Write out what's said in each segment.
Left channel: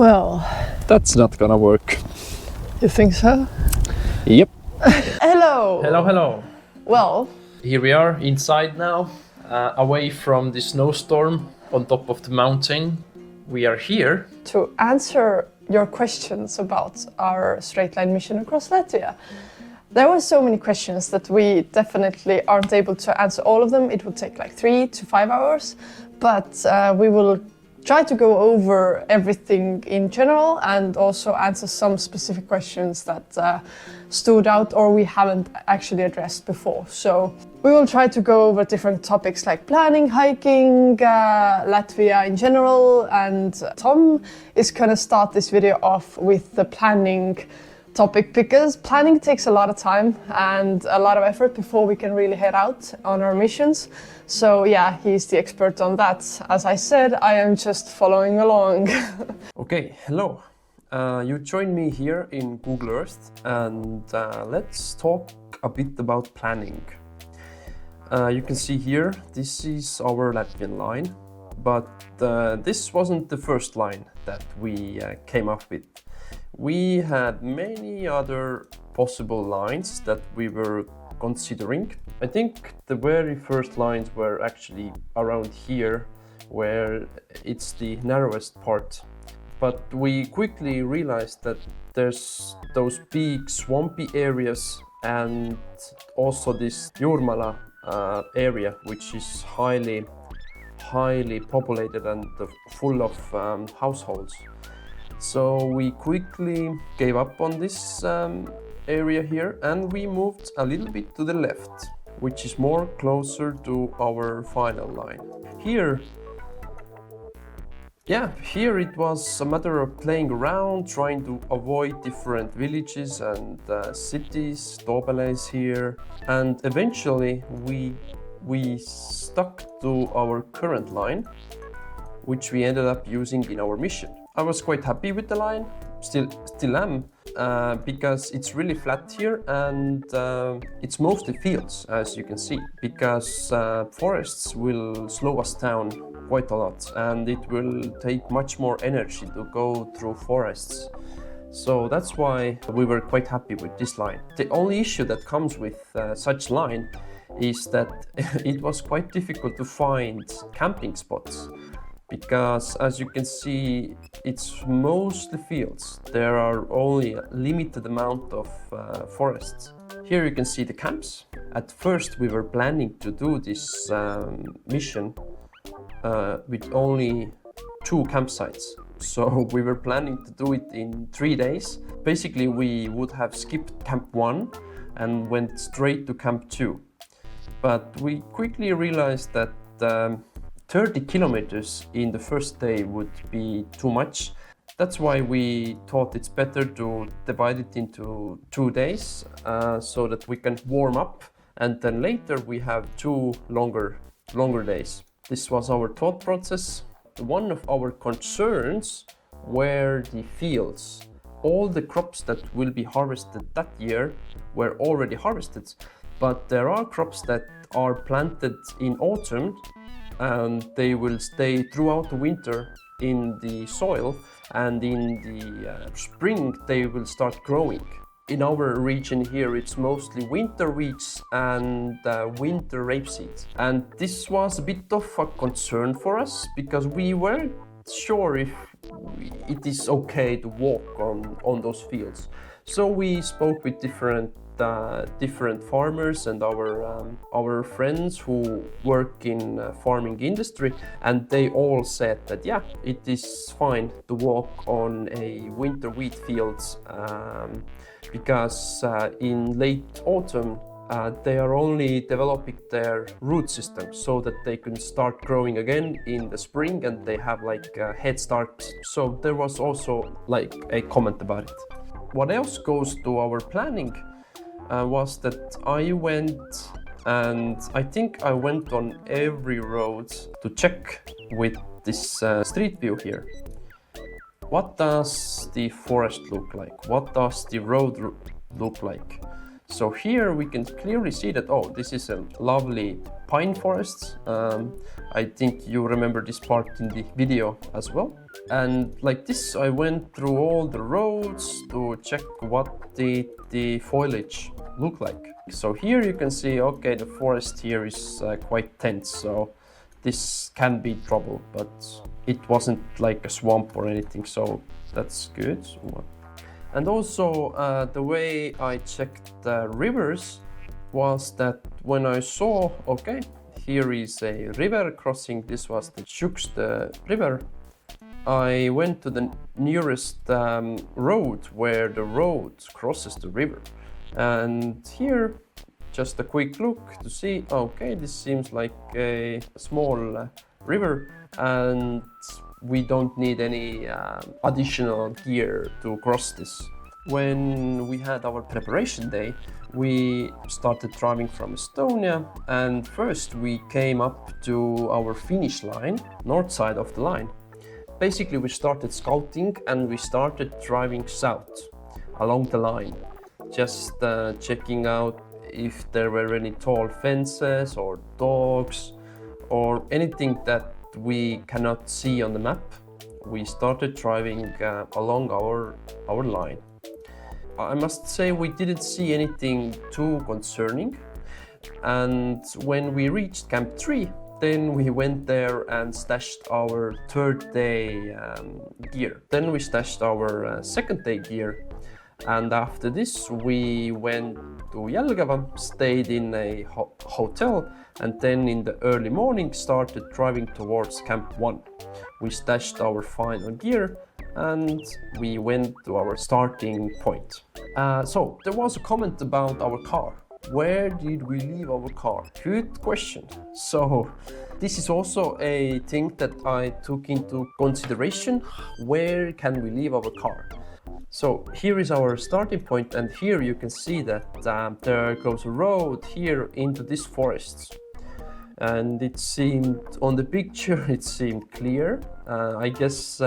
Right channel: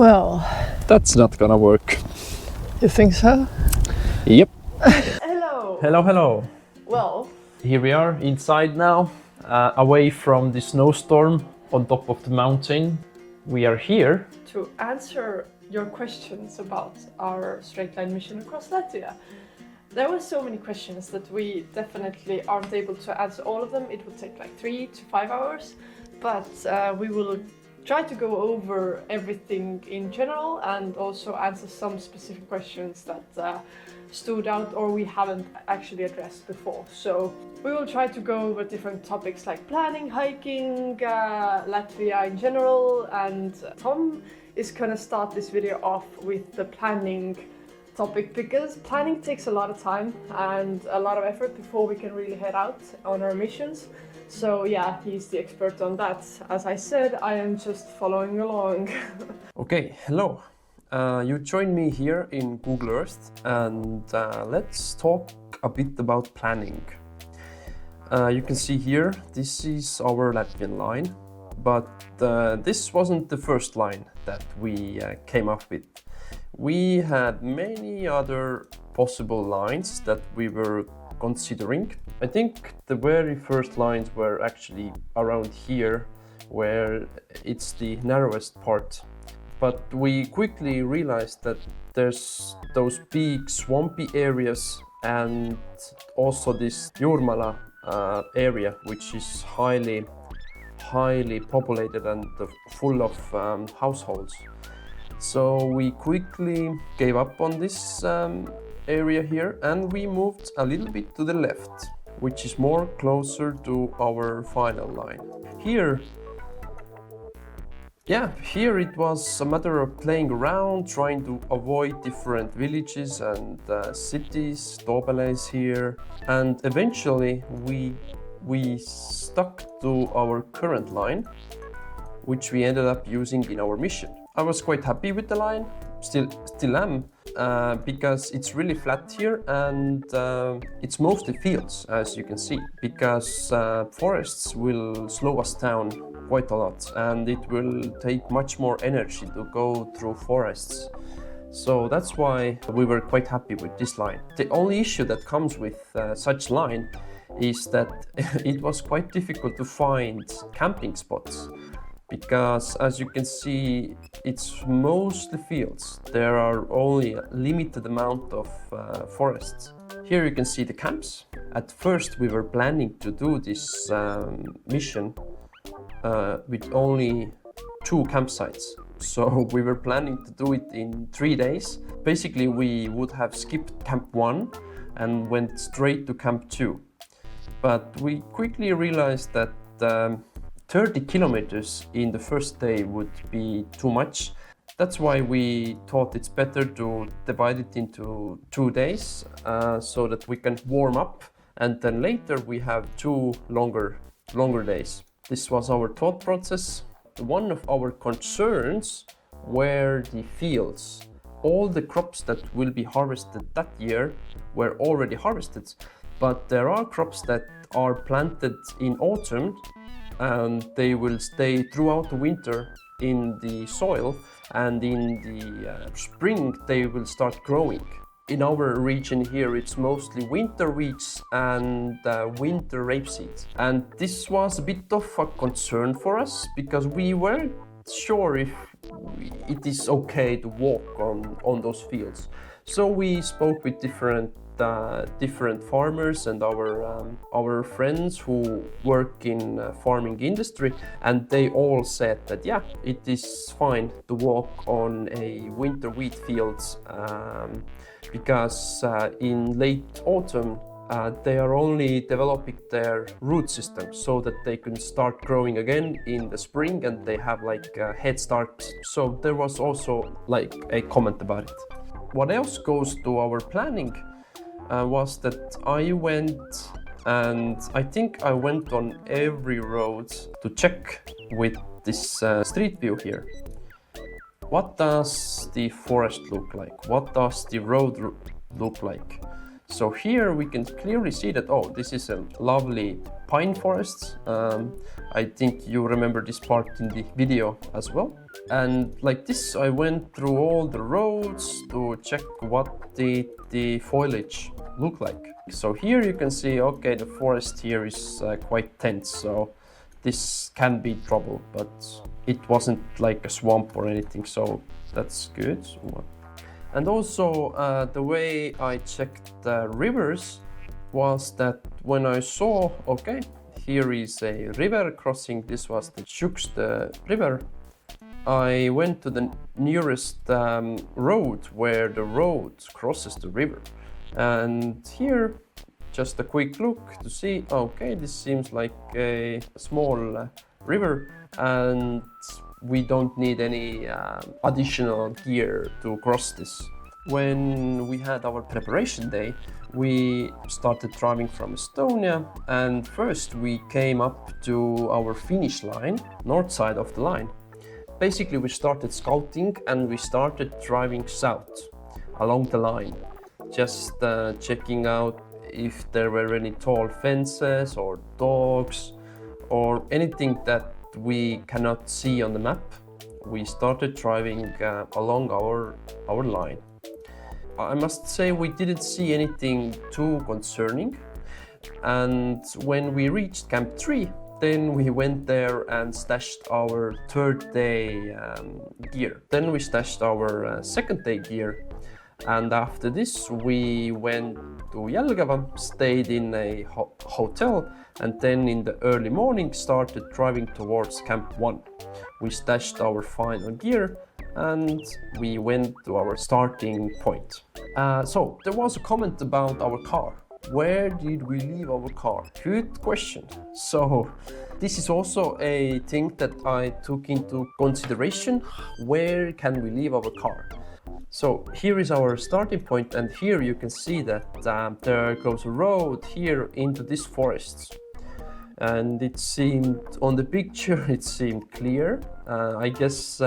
Well, That's not gonna work. you think so? Yep. Hello! Hello. Well, Here we are inside now, away from the snowstorm on top of the mountain. We are here. to answer your questions about our straight line mission across Latvia. There were so many questions that we definitely aren't able to answer all of them. It will take like 3 to 5 hours, but we will try to go over everything in general and also answer some specific questions that stood out or we haven't actually addressed before. So we will try to go over different topics like planning, hiking, Latvia in general, and Tom is gonna start this video off with the planning topic because planning takes a lot of time and a lot of effort before we can really head out on our missions. So yeah, he's the expert on that. As I said, I am just following along. Okay, hello. You joined me here in Google Earth and let's talk a bit about planning. You can see here, this is our Latvian line, but this wasn't the first line that we came up with. We had many other possible lines that we were considering. I think the very first lines were actually around here, where it's the narrowest part. But we quickly realized that there's those big swampy areas and also this Jurmala area, which is highly populated and full of households. So we quickly gave up on this area here and we moved a little bit to the left, which is more closer to our final line. Here it was a matter of playing around, trying to avoid different villages and cities, Toopeles here, and eventually we stuck to our current line, which we ended up using in our mission. I was quite happy with the line, still am, because it's really flat here and it's mostly fields, as you can see, because forests will slow us down quite a lot and it will take much more energy to go through forests. So that's why we were quite happy with this line. The only issue that comes with such line is that it was quite difficult to find camping spots. Because as you can see, it's mostly fields. There are only a limited amount of forests. Here you can see the camps. At first we were planning to do this mission with only 2 campsites. So we were planning to do it in 3 days. Basically we would have skipped camp 1 and went straight to camp 2. But we quickly realized that 30 kilometers in the first day would be too much. That's why we thought it's better to divide it into 2 days so that we can warm up and then later we have 2 longer days. This was our thought process. One of our concerns were the fields. All the crops that will be harvested that year were already harvested, but there are crops that are planted in autumn and they will stay throughout the winter in the soil and in the spring they will start growing. In our region here it's mostly winter wheats and winter rapeseed. And this was a bit of a concern for us because we weren't sure if it is okay to walk on those fields. So we spoke with different farmers and our friends who work in farming industry, and they all said that yeah, it is fine to walk on a winter wheat fields because in late autumn they are only developing their root system so that they can start growing again in the spring and they have like a head start. So there was also like a comment about it. What else goes to our planning was that I went and I think I went on every road to check with this street view here. What does the forest look like? What does the road look like? So here we can clearly see that, oh, this is a lovely pine forest, I think you remember this part in the video as well. And like this, I went through all the roads to check what the foliage look like. So here you can see, okay, the forest here is quite dense, so this can be trouble, but it wasn't like a swamp or anything, so that's good. And also the way I checked the rivers was that when I saw, okay, here is a river crossing, this was the Tjukstă river, I went to the nearest road where the road crosses the river. And here, just a quick look to see, okay, this seems like a small river and we don't need any additional gear to cross this. When we had our preparation day, we started driving from Estonia, and first we came up to our finish line, north side of the line. Basically, we started scouting and we started driving south along the line, just checking out if there were any tall fences or dogs or anything that we cannot see on the map. We started driving along our line. I must say we didn't see anything too concerning, and when we reached Camp 3, then we went there and stashed our third day gear. Then we stashed our second day gear, and after this we went to Jelgava, stayed in a hotel, and then in the early morning started driving towards Camp 1. We stashed our final gear and we went to our starting point. So there was a comment about our car. Where did we leave our car? Good question. So this is also a thing that I took into consideration. Where can we leave our car? So here is our starting point, and here you can see that there goes a road here into this forest. And it seemed, on the picture, it seemed clear. I guess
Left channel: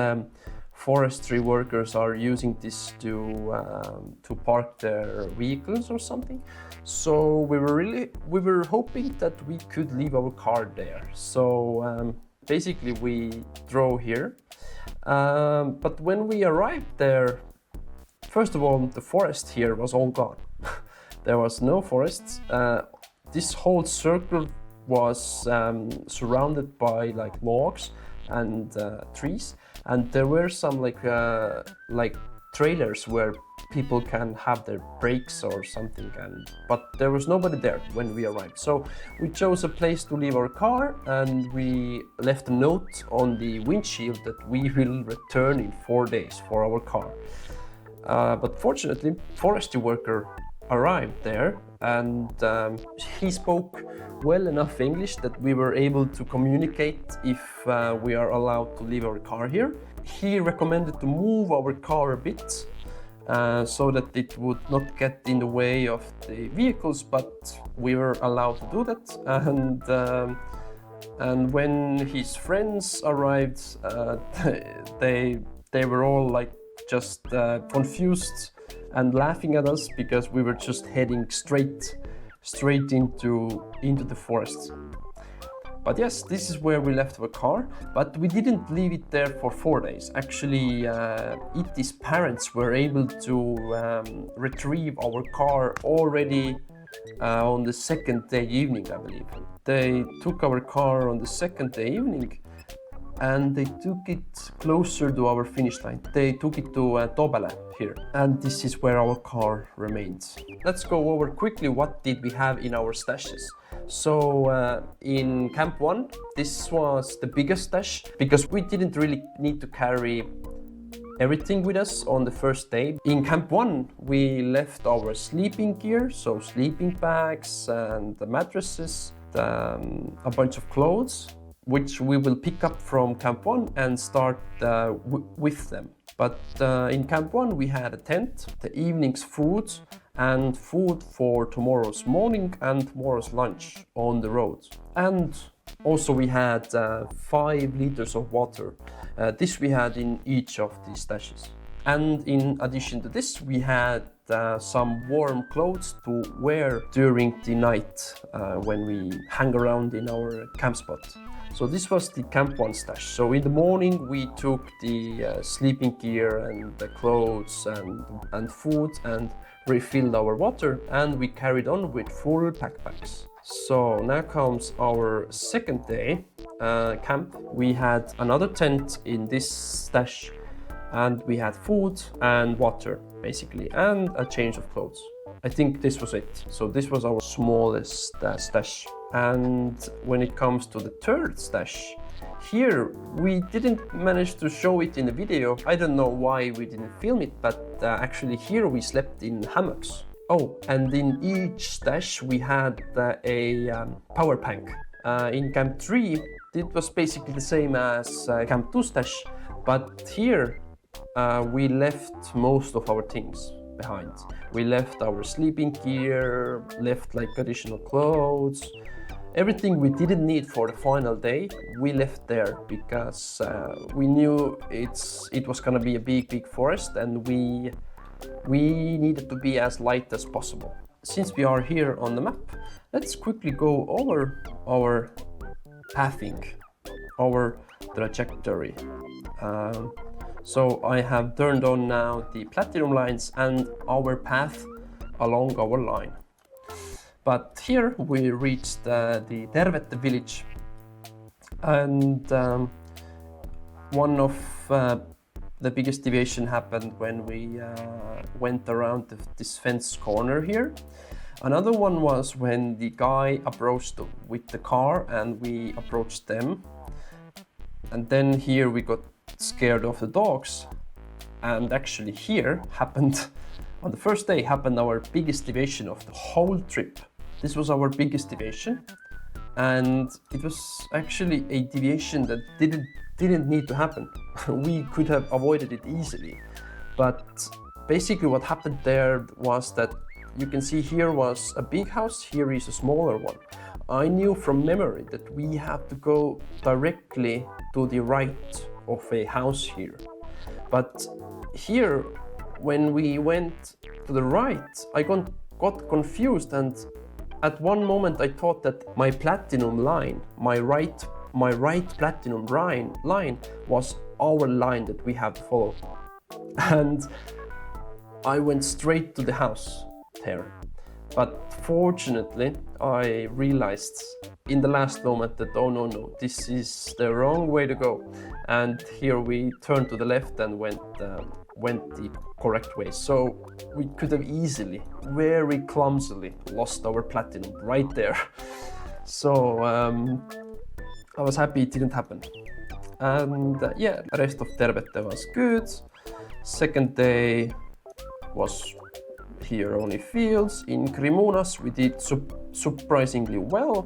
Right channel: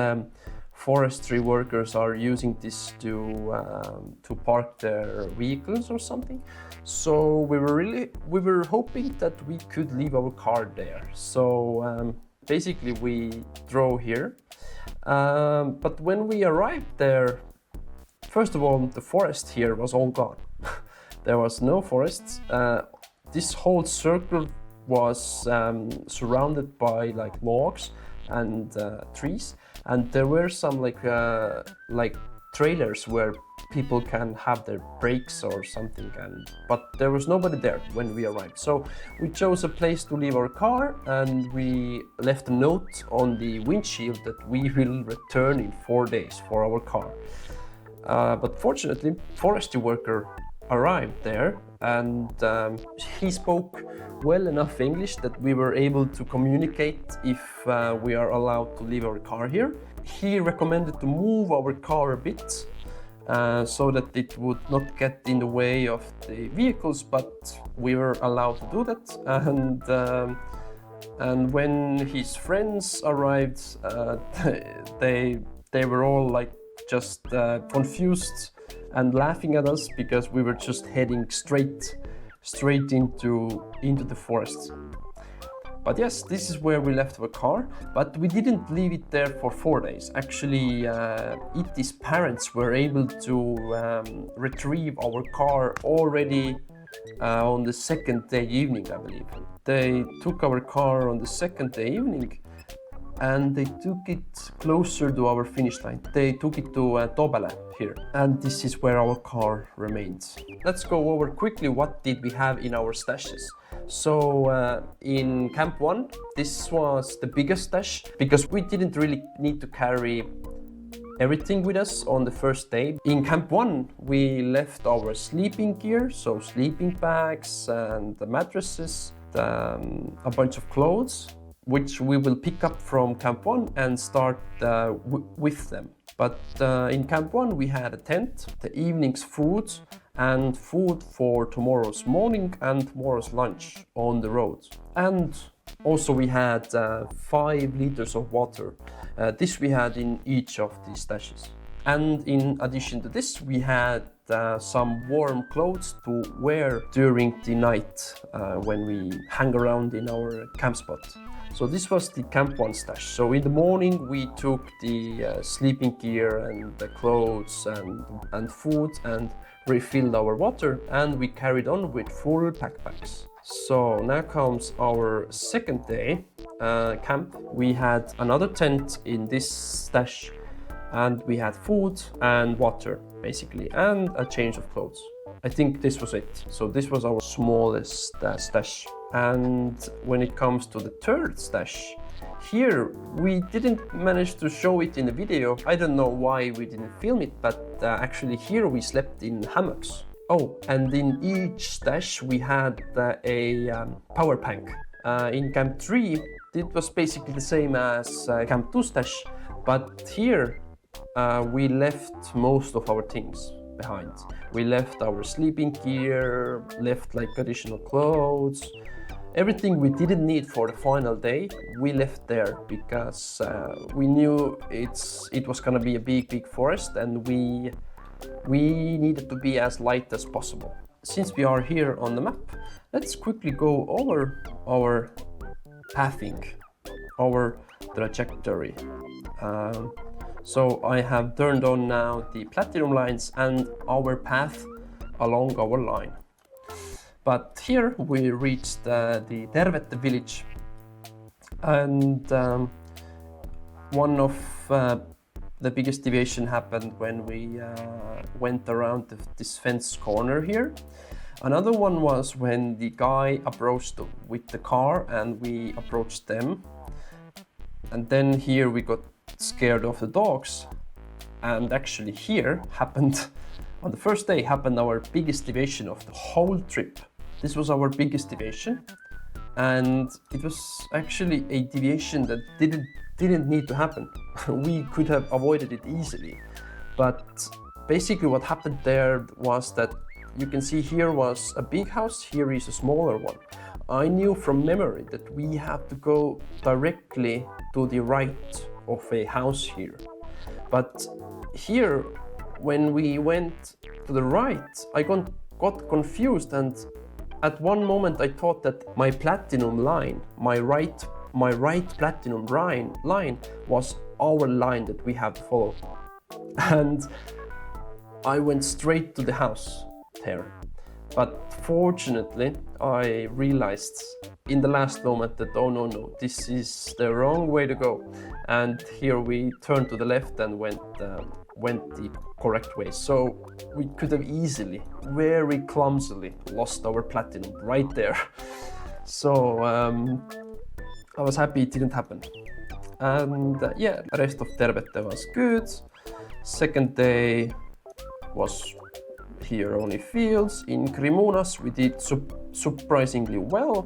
forestry workers are using this to park their vehicles or something. So we were hoping that we could leave our car there. So basically we drove here. But when we arrived there, first of all, the forest here was all gone. There was no forests. This whole circle was surrounded by like logs and trees, and there were some like trailers where people can have their breaks or something, but there was nobody there when we arrived. So we chose a place to leave our car, and we left a note on the windshield that we will return in 4 days for our car. But fortunately, forestry worker arrived there, and he spoke well enough English that we were able to communicate if we are allowed to leave our car here. He recommended to move our car a bit so that it would not get in the way of the vehicles, but we were allowed to do that. And when his friends arrived, they were all like just confused and laughing at us because we were just heading straight into the forest. But yes, this is where we left our car, but we didn't leave it there for 4 days. Actually, Iti's parents were able to retrieve our car already on the second day evening, I believe. They took our car on the second day evening and they took it closer to our finish line. They took it to Toobele here, and this is where our car remains. Let's go over quickly what did we have in our stashes. So in Camp 1, this was the biggest stash because we didn't really need to carry everything with us on the first day. In Camp 1, we left our sleeping gear, so sleeping bags and the mattresses, a bunch of clothes, which we will pick up from Camp 1 and start with them. But in Camp 1 we had a tent, the evening's food, and food for tomorrow's morning and tomorrow's lunch on the road. And also we had 5 liters of water. This we had in each of these stashes. And in addition to this, we had some warm clothes to wear during the night when we hang around in our camp spot. So this was the Camp 1 stash. So in the morning we took the sleeping gear and the clothes and food and refilled our water, and we carried on with full backpacks. So now comes our second day camp. We had another tent in this stash, and we had food and water basically, and a change of clothes. I think this was it. So this was our smallest stash. And when it comes to the third stash, here we didn't manage to show it in the video. I don't know why we didn't film it, but actually here we slept in hammocks. Oh, and in each stash we had a power bank. In Camp 3 it was basically the same as Camp 2 stash, but here we left most of our things behind. We left our sleeping gear, left like additional clothes. Everything we didn't need for the final day, we left there because we knew it was gonna be a big forest, and we needed to be as light as possible. Since we are here on the map, let's quickly go over our pathing, our trajectory. So I have turned on now the platinum lines and our path along our line. But here we reached the Tervete village, and one of the biggest deviation happened when we went around this fence corner here. Another one was when the guy approached with the car and we approached them. And then here we got scared of the dogs. And actually here happened, on the first day happened our biggest deviation of the whole trip. This was our biggest deviation. And it was actually a deviation that didn't need to happen. We could have avoided it easily. But basically what happened there was that you can see here was a big house, here is a smaller one. I knew from memory that we have to go directly to the right of a house here. But here, when we went to the right, I got confused, and at one moment I thought that my platinum line, my right platinum line was our line that we have to follow. And I went straight to the house there. But fortunately, I realized in the last moment that, oh no, this is the wrong way to go. And here we turned to the left and went the correct way. So we could have easily, very clumsily, lost our platinum right there. So I was happy it didn't happen. And yeah, the rest of Tervete was good. Second day was here only fields. In Krimunas we did surprisingly well.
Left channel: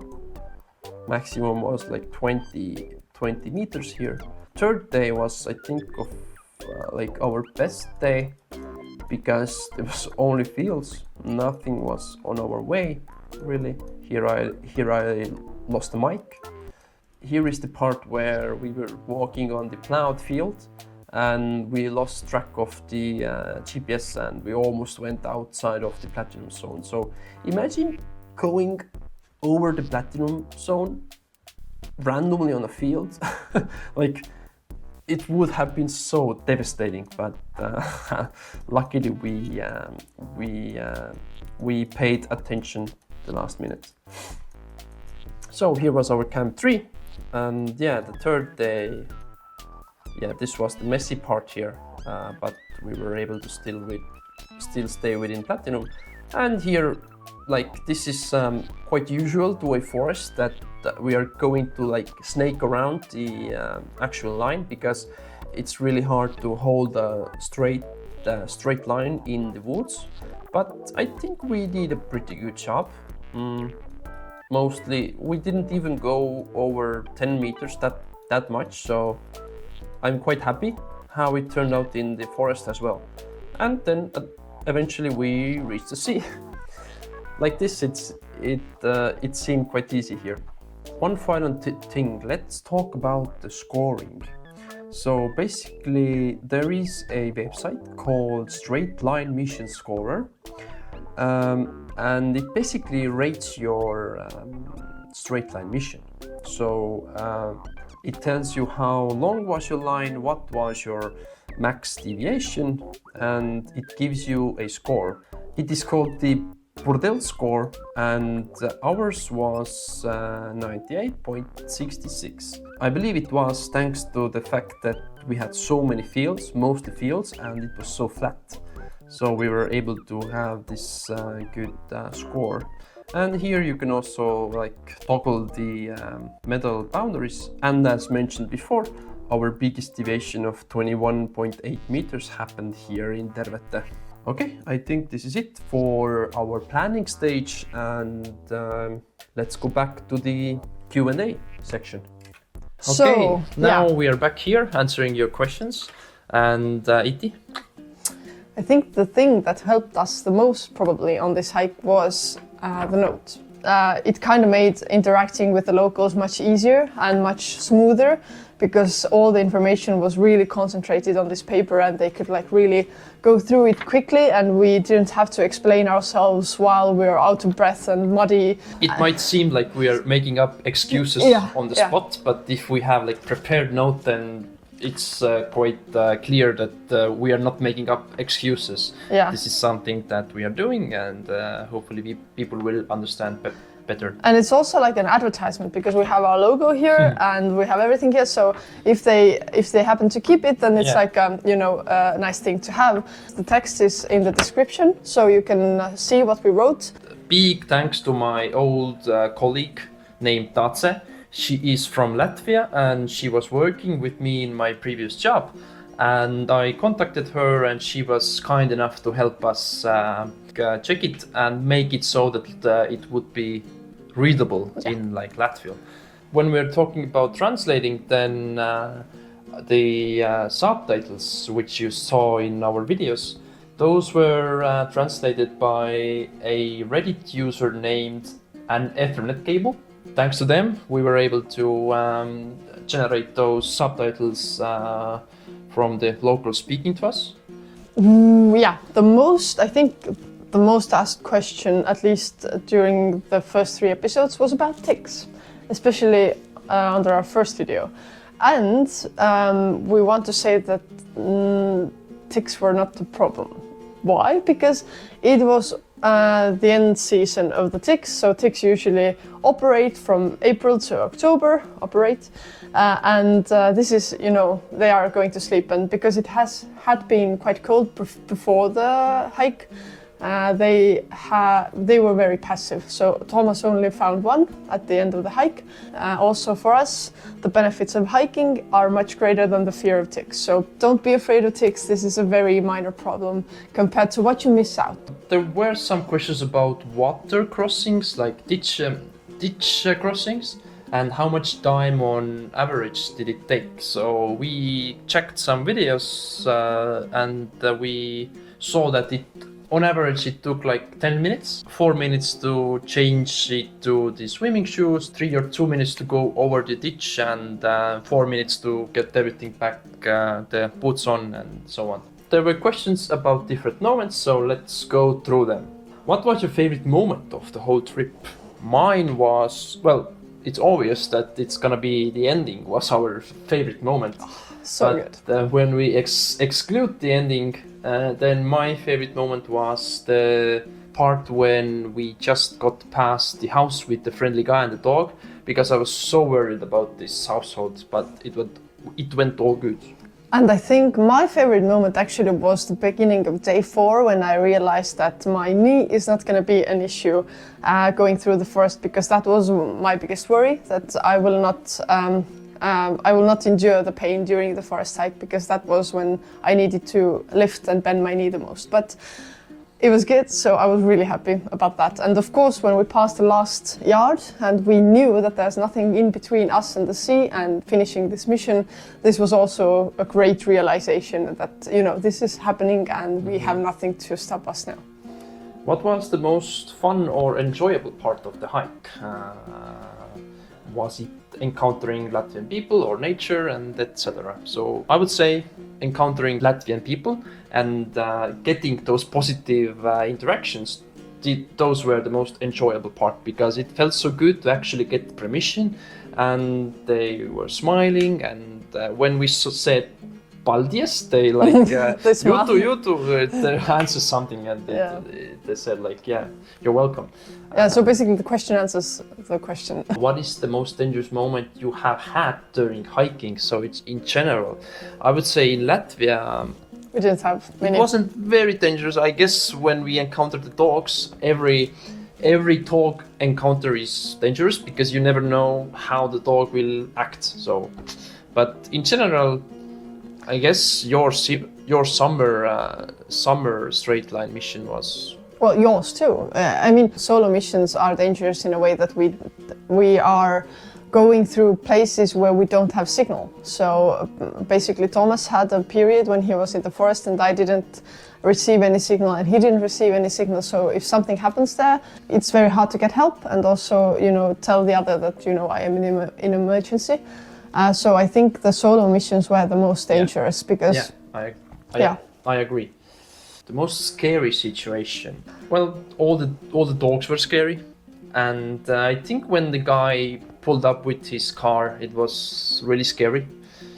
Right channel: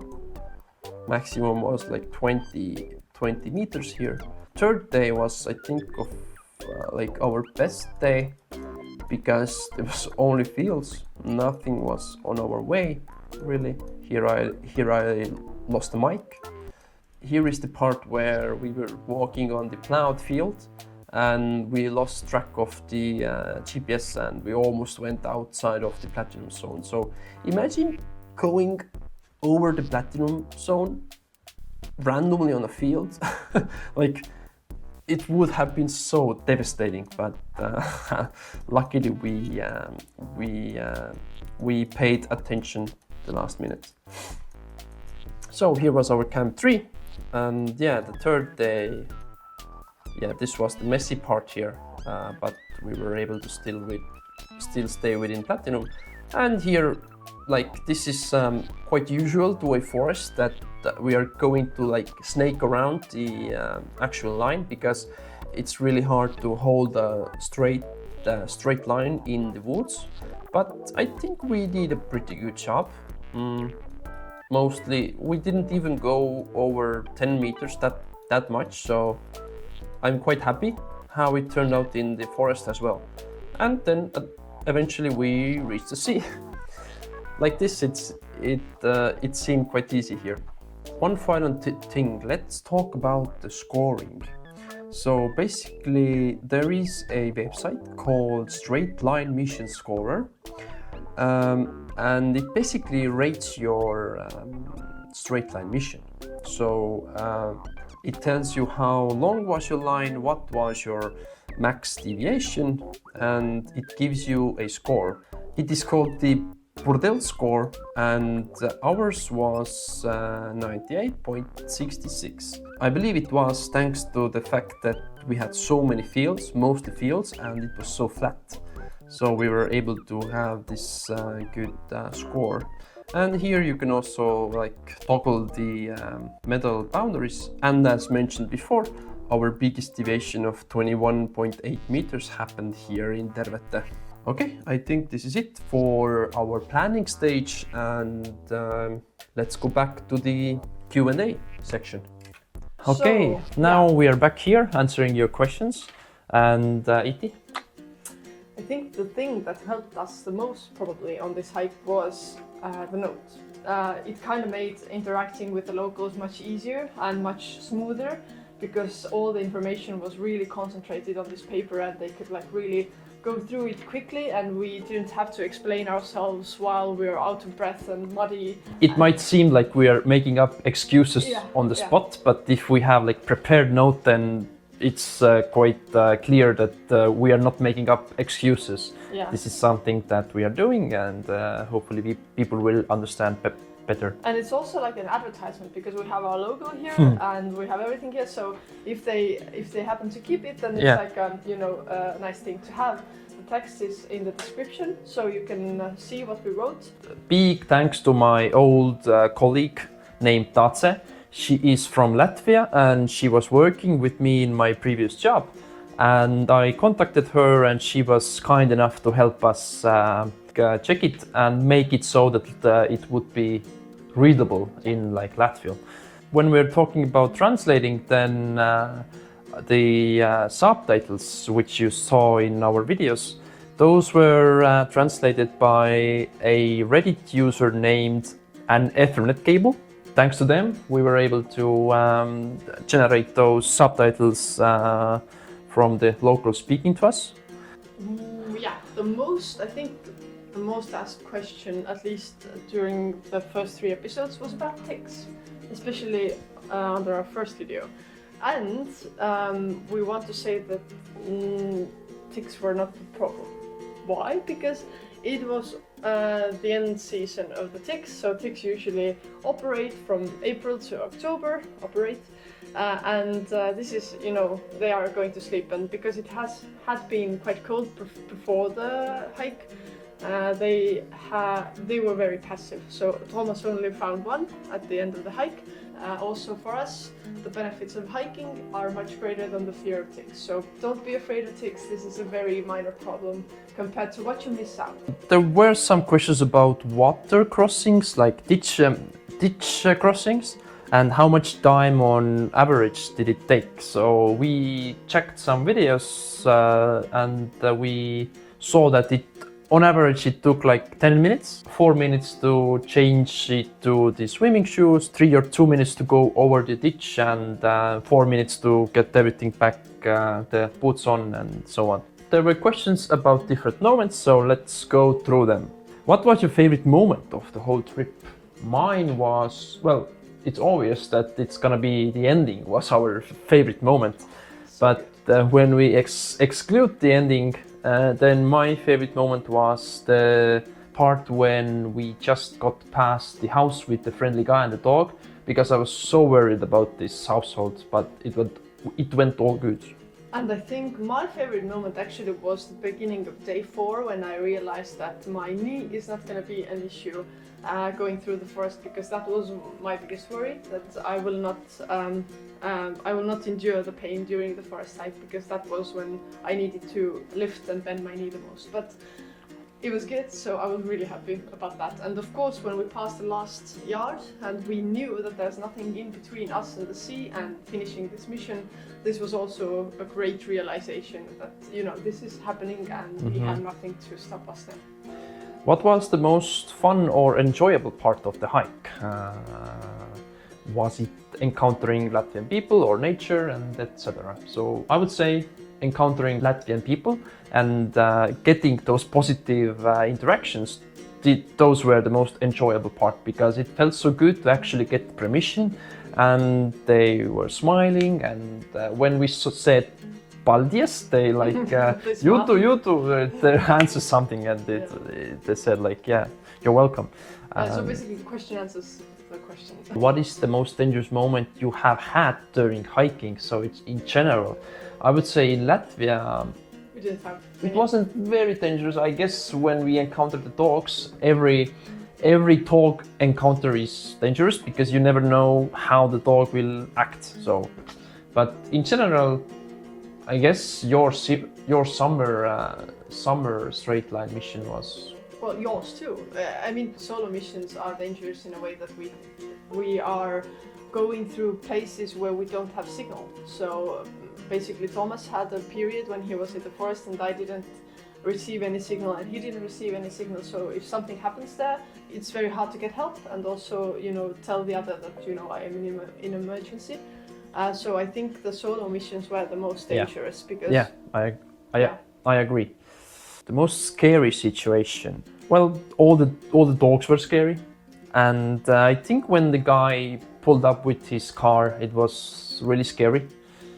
Maximum was like 20 meters here. Third day was, I think, of like our best day, because there was only fields. Nothing was on our way, really. Here I lost the mic. Here is the part where we were walking on the plowed field and we lost track of the GPS and we almost went outside of the platinum zone. So imagine going over the platinum zone randomly on a field. Like, it would have been so devastating, but luckily we paid attention the last minute. So here was our Camp 3, and yeah, the third day, yeah, this was the messy part here, but we were able to still stay within platinum. And here, like, this is quite usual to a forest that we are going to like snake around the actual line, because it's really hard to hold a straight line in the woods. But I think we did a pretty good job. Mostly we didn't even go over 10 meters that much, so I'm quite happy how it turned out in the forest as well. And then eventually we reached the sea. Like this, it seemed quite easy here. One final thing, let's talk about the scoring. So basically there is a website called Straight Line Mission Scorer, and it basically rates your straight line mission. So it tells you how long was your line, what was your max deviation, and it gives you a score. It is called the Burdell score, and ours was 98.66. I believe it was thanks to the fact that we had so many fields, mostly fields, and it was so flat. So we were able to have this good score. And here you can also like toggle the medal boundaries. And as mentioned before, our biggest deviation of 21.8 meters happened here in Tervete. Okay, I think this is it for our planning stage, and let's go back to the Q&A section. Okay, now we are back here answering your questions. And Iti? I think the thing that helped us the most probably on this hike was the note. It kind of made interacting with the locals much easier and much smoother, because all the information was really concentrated on this paper and they could like really go through it quickly, and we didn't have to explain ourselves while we were out of breath and muddy. It might seem like we are making up excuses on the spot, but if we have like prepared note, then it's quite clear that we are not making up excuses. Yeah. This is something that we are doing, and hopefully people will understand better. And it's also like an advertisement, because we have our logo here and we have everything here. So if they happen to keep it, then it's like a nice thing to have. The text is in the description, so you can see what we wrote. Big thanks to my old colleague named Tace. She is from Latvia and she was working with me in my previous job. And I contacted her and she was kind enough to help us check it and make it so that it would be readable in like Latvian. When we're talking about translating, then the subtitles which you saw in our videos, those were translated by a Reddit user named An Ethernet Cable. Thanks to them, we were able to generate those subtitles from the local speaking to us. I think the most asked question, at least during the first 3 episodes, was about ticks, especially under our first video. And we want to say that ticks were not the problem. Why? Because it was the end season of the ticks, so ticks usually operate from April to October, and this is, they are going to sleep, and because it had been quite cold before the hike, they were very passive. So Thomas only found one at the end of the hike. Also for us, the benefits of hiking are much greater than the fear of ticks. So don't be afraid of ticks. This is a very minor problem compared to what you miss out. There were some questions about water crossings, like ditch crossings, and how much time on average did it take. So we checked some videos and we saw that on average it took like 10 minutes, 4 minutes to change it to the swimming shoes, 3 or 2 minutes to go over the ditch, and 4 minutes to get everything back, the boots on and so on. There were questions about different moments, so let's go through them. What was your favorite moment of the whole trip? Mine was, well, it's obvious that it's gonna be the ending was our favorite moment. But when we exclude the ending, then my favorite moment was the part when we just got past the house with the friendly guy and the dog, because I was so worried about this household, but it went all good. And I think my favorite moment actually was the beginning of day 4, when I realized that my knee is not going to be an issue going through the forest, because that was my biggest worry, that I will not endure the pain during the forest hike, because that was when I needed to lift and bend my knee the most. But it was good, so I was really happy about that. And of course, when we passed the last yard and we knew that there's nothing in between us and the sea and finishing this mission, this was also a great realization that, this is happening and we have nothing to stop us now. What was the most fun or enjoyable part of the hike? Was it encountering Latvian people or nature and etc.? So I would say encountering Latvian people and getting those positive interactions, those were the most enjoyable part, because it felt so good to actually get permission and they were smiling. And when we said Paldies, they like They smiled. Jutu, their hands or something, and they said like, yeah, you're welcome. Yeah, so basically the question answers the question. What is the most dangerous moment you have had during hiking? So it's in general. I would say in Latvia, We didn't have many. it wasn't very dangerous. I guess when we encountered the dogs, every dog encounter is dangerous because you never know how the dog will act. So, but in general, I guess your summer straight line mission was. Well, yours too. I mean, solo missions are dangerous in a way that we are going through places where we don't have signal. So basically, Thomas had a period when he was in the forest, and I didn't receive any signal, and he didn't receive any signal. So if something happens there, it's very hard to get help, and also, tell the other that I am in emergency. So I think the solo missions were the most dangerous because. Yeah, I agree. The most scary situation. Well, all the dogs were scary, and I think when the guy pulled up with his car, it was really scary.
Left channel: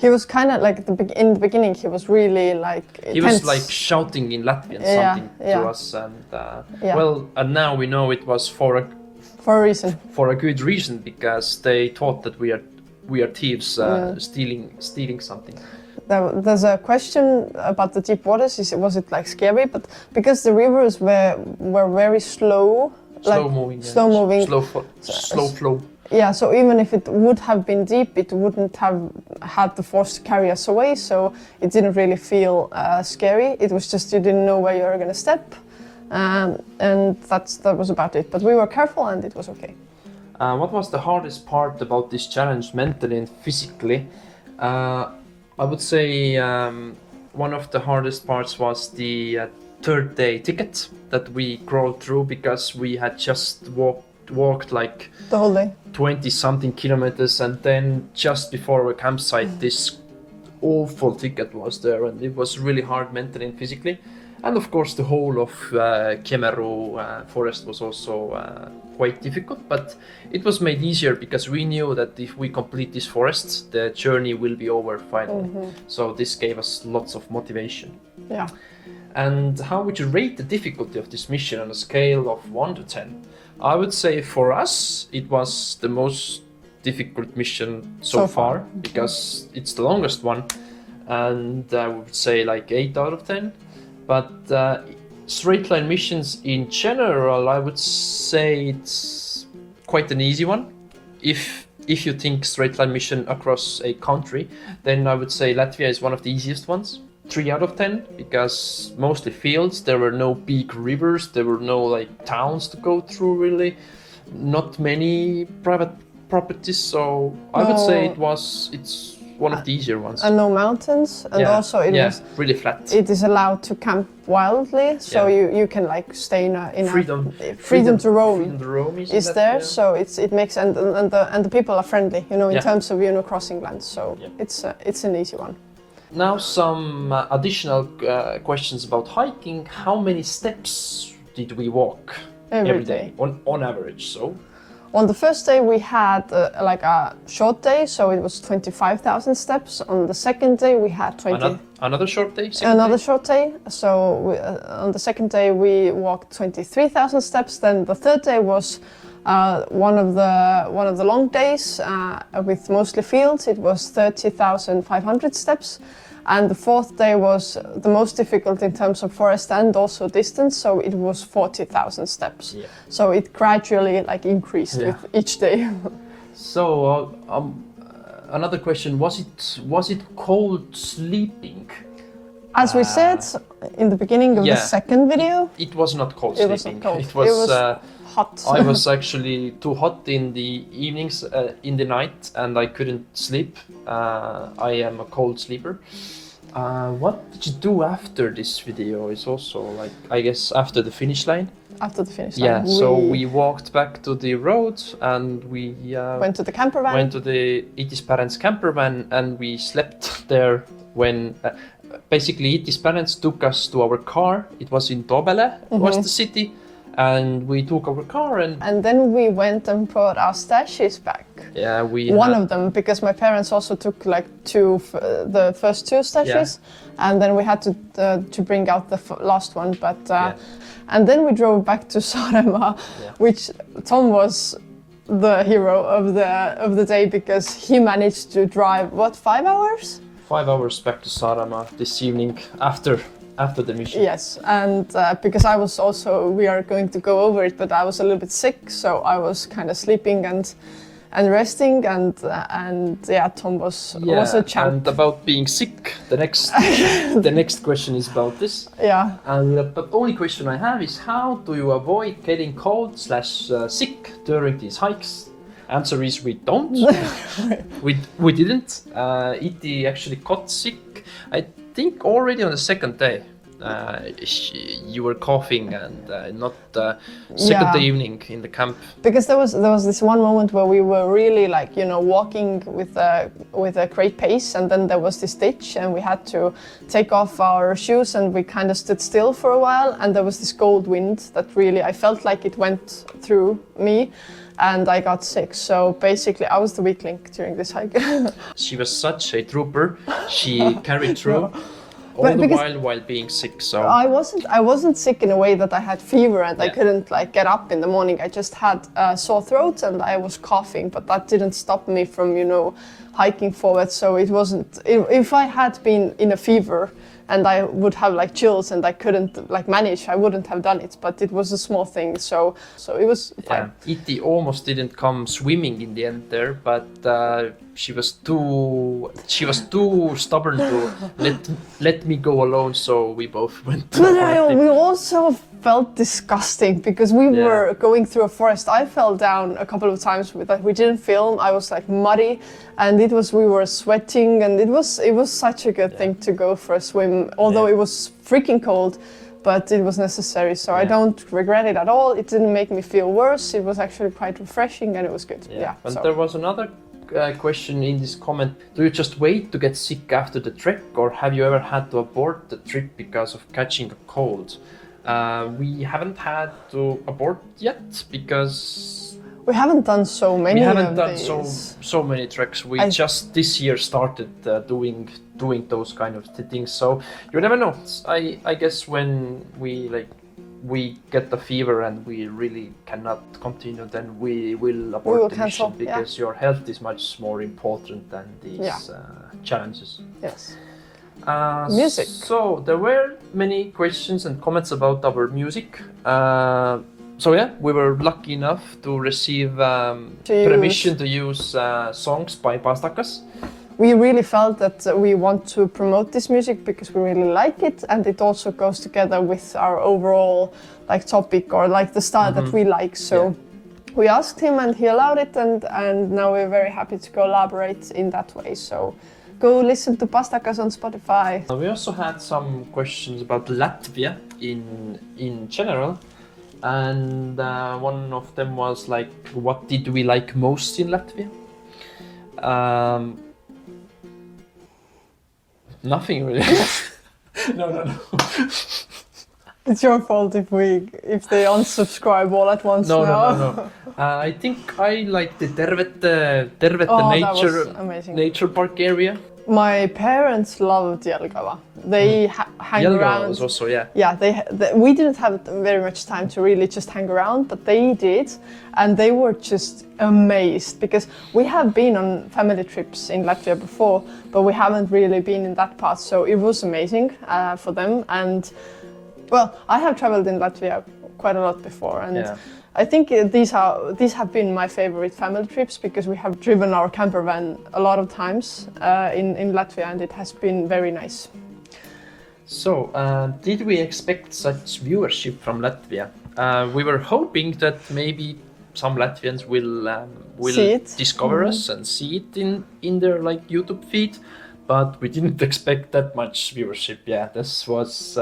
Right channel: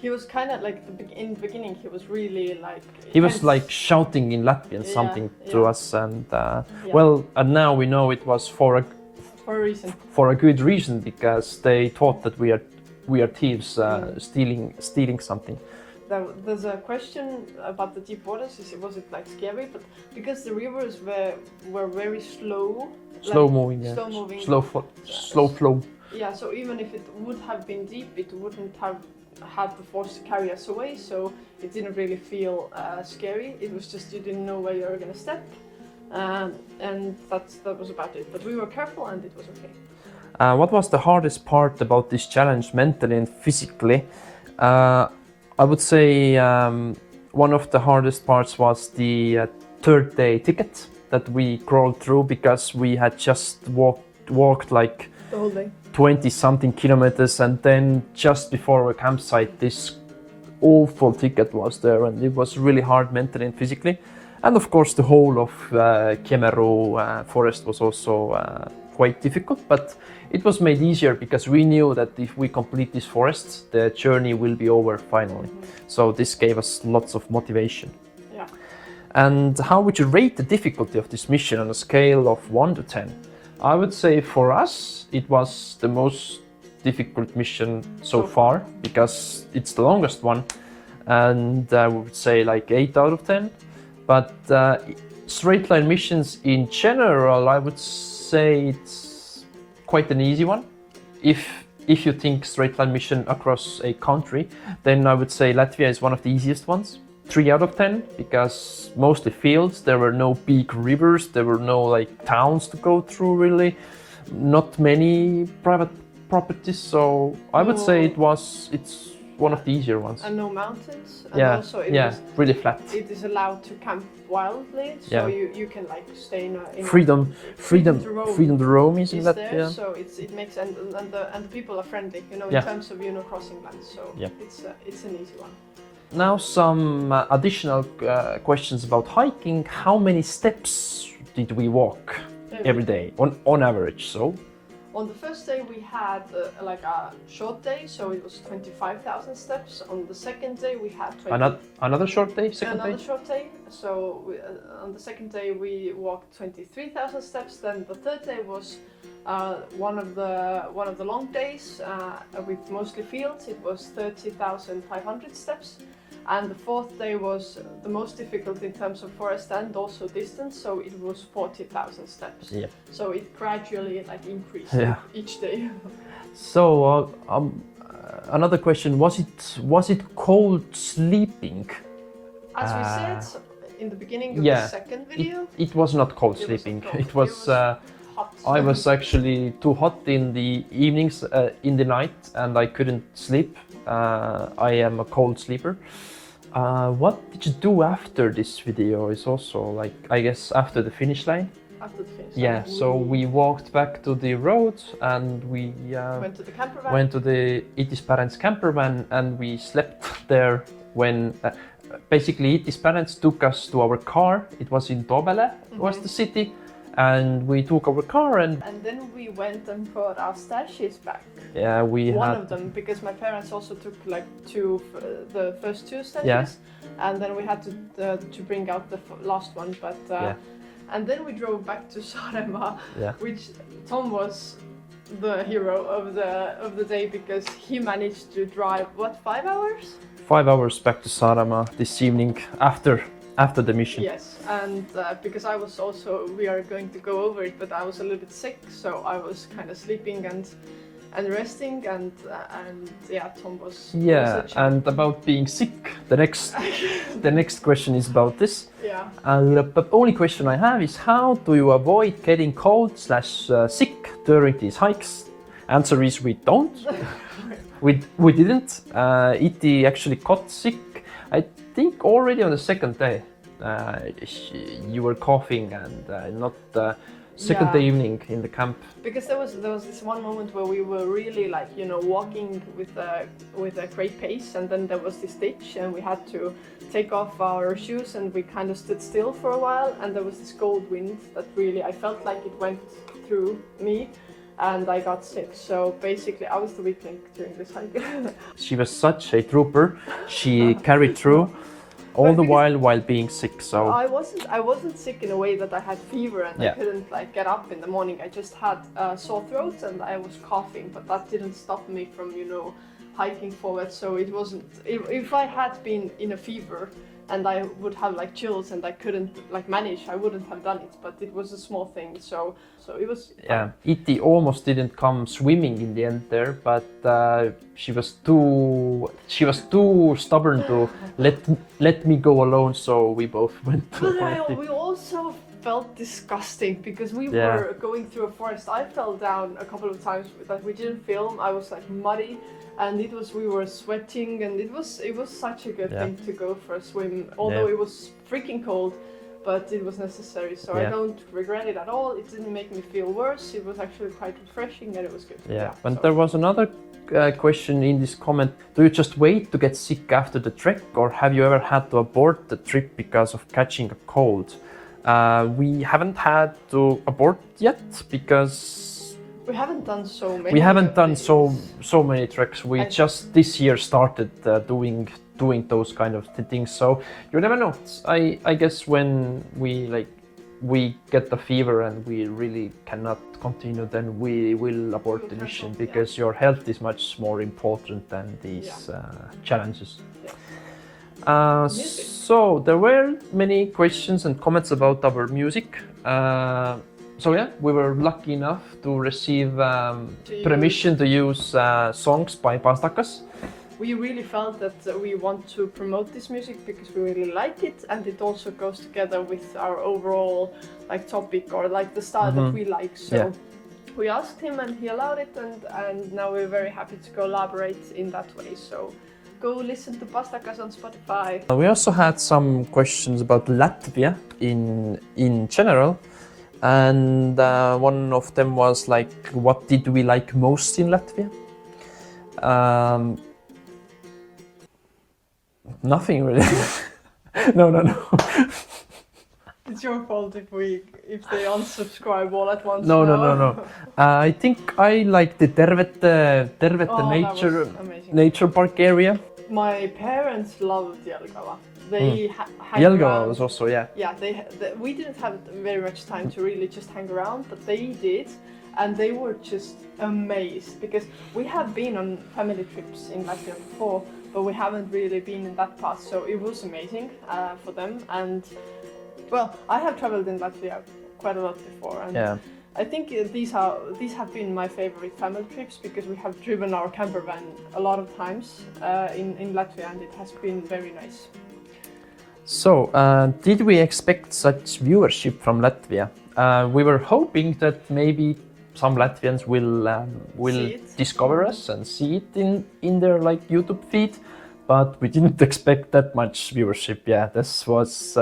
He was kind of like in the beginning. He was really like. He was tense. like shouting in Latvian something to us, and and now we know it was for a reason. For a good reason, because they thought that we are thieves stealing something. There's a question about the deep waters. Was it like scary? But because the rivers were very slow, slow moving, slow flow. Yeah, so even if it would have been deep, it wouldn't have had the force to carry us away. So it didn't really feel scary. It was just you didn't know where you were going to step, and that was about it. But we were careful, and it was okay. What was the hardest part about this challenge, mentally and physically? I would say one of the hardest parts was the third day ticket that we crawled through because we had just walked like the whole day, 20 something kilometers, and then just before our campsite this awful ticket was there, and it was really hard mentally and physically. And of course the whole of Kemeru forest was also quite difficult, but it was made easier because we knew that if we complete this forest, the journey will be over finally. So this gave us lots of motivation. Yeah. And how would you rate the difficulty of this mission on a scale of 1 to 10? I would say for us it was the most difficult mission so far because it's the longest one, and I would say like 8 out of 10. But straight line missions in general, I would say it's quite an easy one. If you think straight line mission across a country, then I would say Latvia is one of the easiest ones. 3 out of 10, because mostly fields, there were no big rivers, there were no like towns to go through really, not many private properties, so I would say it's one of the easier ones. And no mountains, and also it was really flat. It is allowed to camp wildly, so you can like stay in freedom to roam. Freedom to roam is there, so it makes and the people are friendly, in terms of crossing lands. So it's an easy one. Now some additional questions about hiking. How many steps did we walk every day on average? So. On the first day we had like a short day, so it was 25,000 steps. On the second day we had 20. Another short day? Short day. So on the second day we walked 23,000 steps. Then the third day was one of the long days with mostly fields. It was 30,500 steps. And the fourth day was the most difficult in terms of forest and also distance, so it was 40,000 steps. Yeah. So it gradually increased with each day. So another question: was it cold sleeping? As we said in the beginning of the second video, it was not cold sleeping. It was hot. I was actually too hot in the evenings, in the night, and I couldn't sleep. I am a cold sleeper. What did you do after this video? Is also I guess after the finish line. After the finish line. Yeah. So we walked back to the road and we went to the camper van. Went to the Itis Parents camper van and we slept there when. Basically, Itis Parents took us to our car. It was in Tobele, was the city. and we took our car And then we went and brought our stashes back. yeah, we One had, of them, because my parents also took like the first two stashes, and then we had to bring out the last one. But and then we drove back to Saaremaa, which Tom was the hero of the day because he managed to drive 5 hours? 5 hours back to Saaremaa this evening after the mission. Yes, and because I was also, we are going to go over it, but I was a little bit sick, so I was kind of sleeping and resting, and Tom was a champ. And about being sick, the next question is about this. Yeah. And the only question I have is how do you avoid getting cold/sick during these hikes? Answer is we don't. we didn't. Iti actually got sick. I think already on the second day. You were coughing and not second day evening in the camp. Because there was this one moment where we were really like, you know, walking with a great pace, and then there was this ditch and we had to take off our shoes and we kind of stood still for a while, and there was this cold wind that really, I felt like it went through me and I got sick. So basically I was the weak link during this hike. She was such a trooper. She carried through. All the while being sick, so I wasn't sick in a way that I had fever and I couldn't like get up in the morning. I just had a sore throat and I was coughing, but that didn't stop me from, you know, hiking forward. So it wasn't. If I had been in a fever and I would have like chills and I couldn't like manage, I wouldn't have done it. But it was a small thing, so it was fine. Yeah, Iti almost didn't come swimming in the end there, but she was too stubborn to let me go alone. So we both went. But we also felt disgusting because we were going through a forest. I fell down a couple of times with that. We didn't film. I was like muddy, and we were sweating, and it was such a good thing to go for a swim. Although it was freaking cold, but it was necessary. So I don't regret it at all. It didn't make me feel worse. It was actually quite refreshing, and it was good. And there was another question in this comment. Do you just wait to get sick after the trek, or have you ever had to abort the trip because of catching a cold? We haven't had to abort yet because we haven't done so many. We haven't done so many treks. We just this year started doing those kind of things. So you never know. I guess when we get the fever and we really cannot continue, then we will abort the mission because your health is much more important than these challenges. Yes. Music. So there were many questions and comments about our music. So we were lucky enough to receive permission to use songs by Pastakas. We really felt that we want to promote this music because we really like it, and it also goes together with our overall like topic or like the style that we like. So we asked him and he allowed it, and now we're very happy to collaborate in that way. So go listen to Pastakas on Spotify. We also had some questions about Latvia in general, and one of them was like, what did we like most in Latvia? Nothing really. No. It's your fault if they unsubscribe all at once. No. I think I like the Tervete nature park area. My parents loved Jelgava. They hang around. Jelgava was also, we didn't have very much time to really just hang around, but they did, and they were just amazed because we have been on family trips in Latvia before, but we haven't really been in that part. So it was amazing for them. And well, I have traveled in Latvia quite a lot before, and I think these have been my favorite family trips because we have driven our camper van a lot of times in Latvia, and it has been very nice. So, did we expect such viewership from Latvia? We were hoping that maybe some Latvians will discover us and see it in their like YouTube feed, but we didn't expect that much viewership. Yeah, this was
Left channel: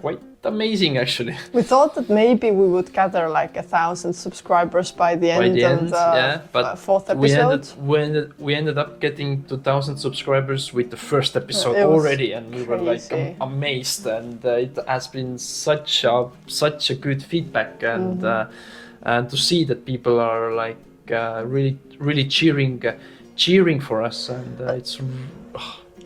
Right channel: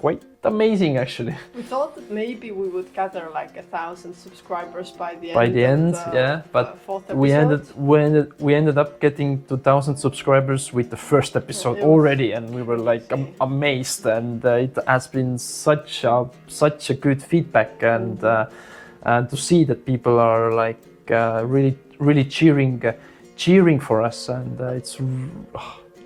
quite amazing actually. We thought that maybe we would gather like 1,000 subscribers by the By end the of end, the yeah, but fourth we episode. we ended up getting 2,000 subscribers with the first episode It was already, and we were like crazy. amazed, and it has been such a good feedback, and and to see that people are like really cheering for us, and it's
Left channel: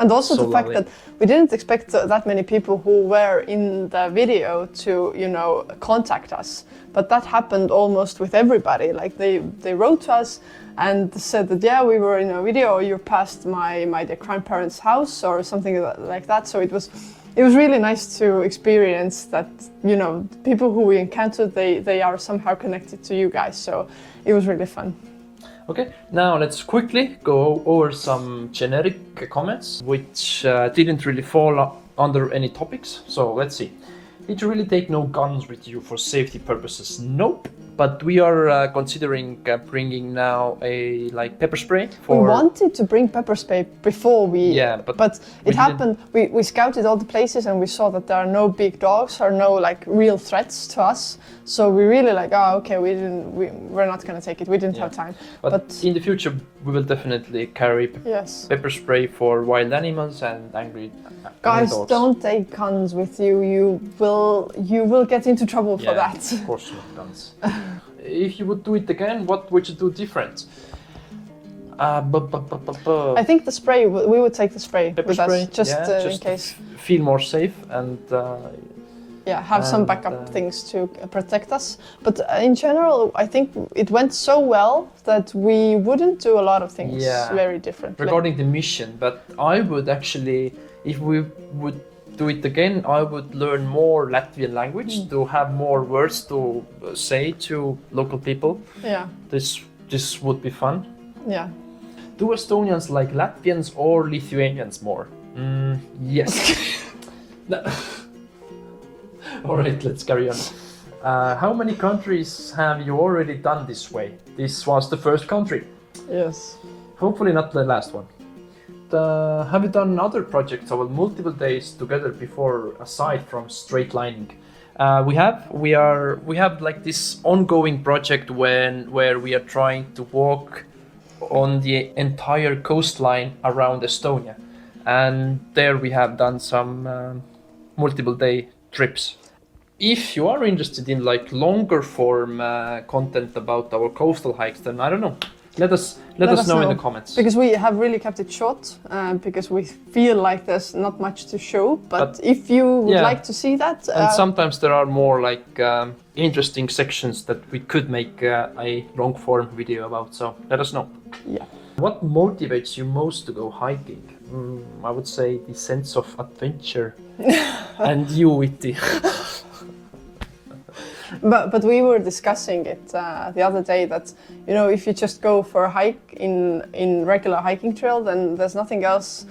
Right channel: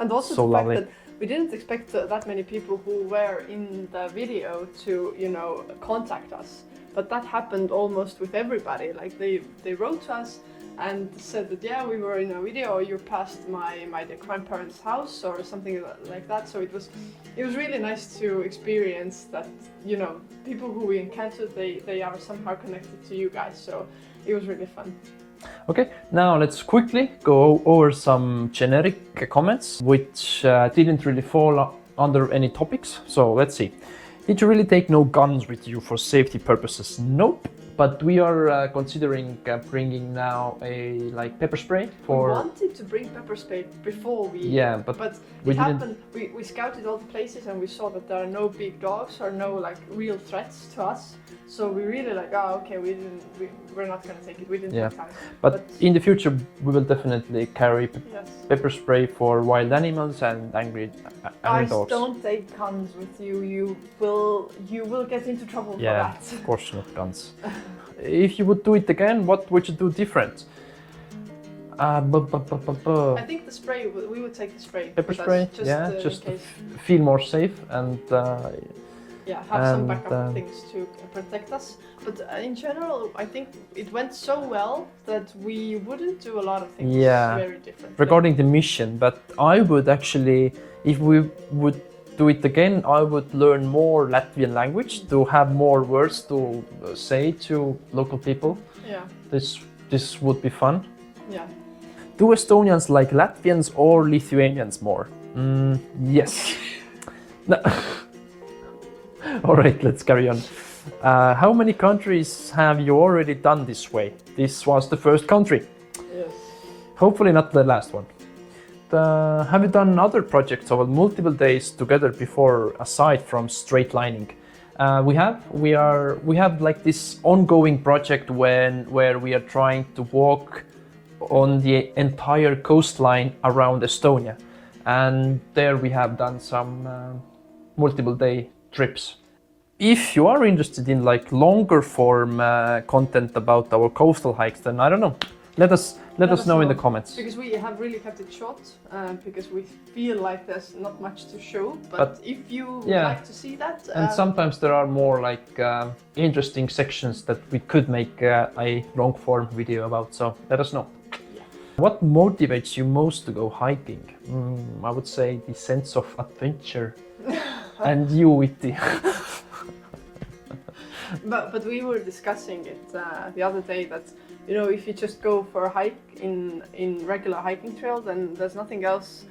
And also so the fact lovely. that we didn't expect that many people who were in the video to, you know, contact us. But that happened almost with everybody. Like they wrote to us and said that, yeah, we were in a video, or you passed my dear grandparents' house or something like that. So it was really nice to experience that, you know, people who we encountered, they are somehow connected to you guys. So it was really fun. Okay, now let's quickly go over some generic comments which didn't really fall under any topics. So let's see. Did you really take no guns with you for safety purposes? Nope. But we are considering bringing now a like pepper spray for. We wanted to bring pepper spray before we. Yeah, but it we didn't. happened. We scouted all the places and we saw that there are no big dogs or no like real threats to us. So we really like, oh, okay, we're not gonna take it. We didn't have time. But in the future, we will definitely carry Yes. pepper spray for wild animals and angry Guys, dogs. don't take guns with you. You will get into trouble for Yeah, that. of course not guns. If you would do it again, what would you do different? I think the spray. We would take the spray Pepper with spray, us, just, yeah, in just case. Feel more safe and Yeah, have some And, backup things to protect us. But in general, I think it went so well that we wouldn't do a lot of things very differently. regarding the mission. But I would actually, if we would do it again, I would learn more Latvian language to have more words to say to local people. Yeah, This would be fun. yeah. Do Estonians like Latvians or Lithuanians more? Yes. No. All right, let's carry on. How many countries have you already done this way? This was the first country. Yes. Hopefully not the last one. Have you done other projects over multiple days together before, aside from straight lining? We have like this ongoing project where we are trying to walk on the entire coastline around Estonia, and there we have done some multiple day trips. If you are interested in like longer form content about our coastal hikes, then I don't know. Let us know in the comments. Because we have really kept it short, because we feel like there's not much to show. But if you would like to see that, and sometimes there are more like interesting sections that we could make a long form video about. So let us know. Yeah. What motivates you most to go hiking? I would say the sense of adventure and you, Witty. But we were discussing it the other day that, you know, if you just go for a hike in regular hiking trail, then there's nothing else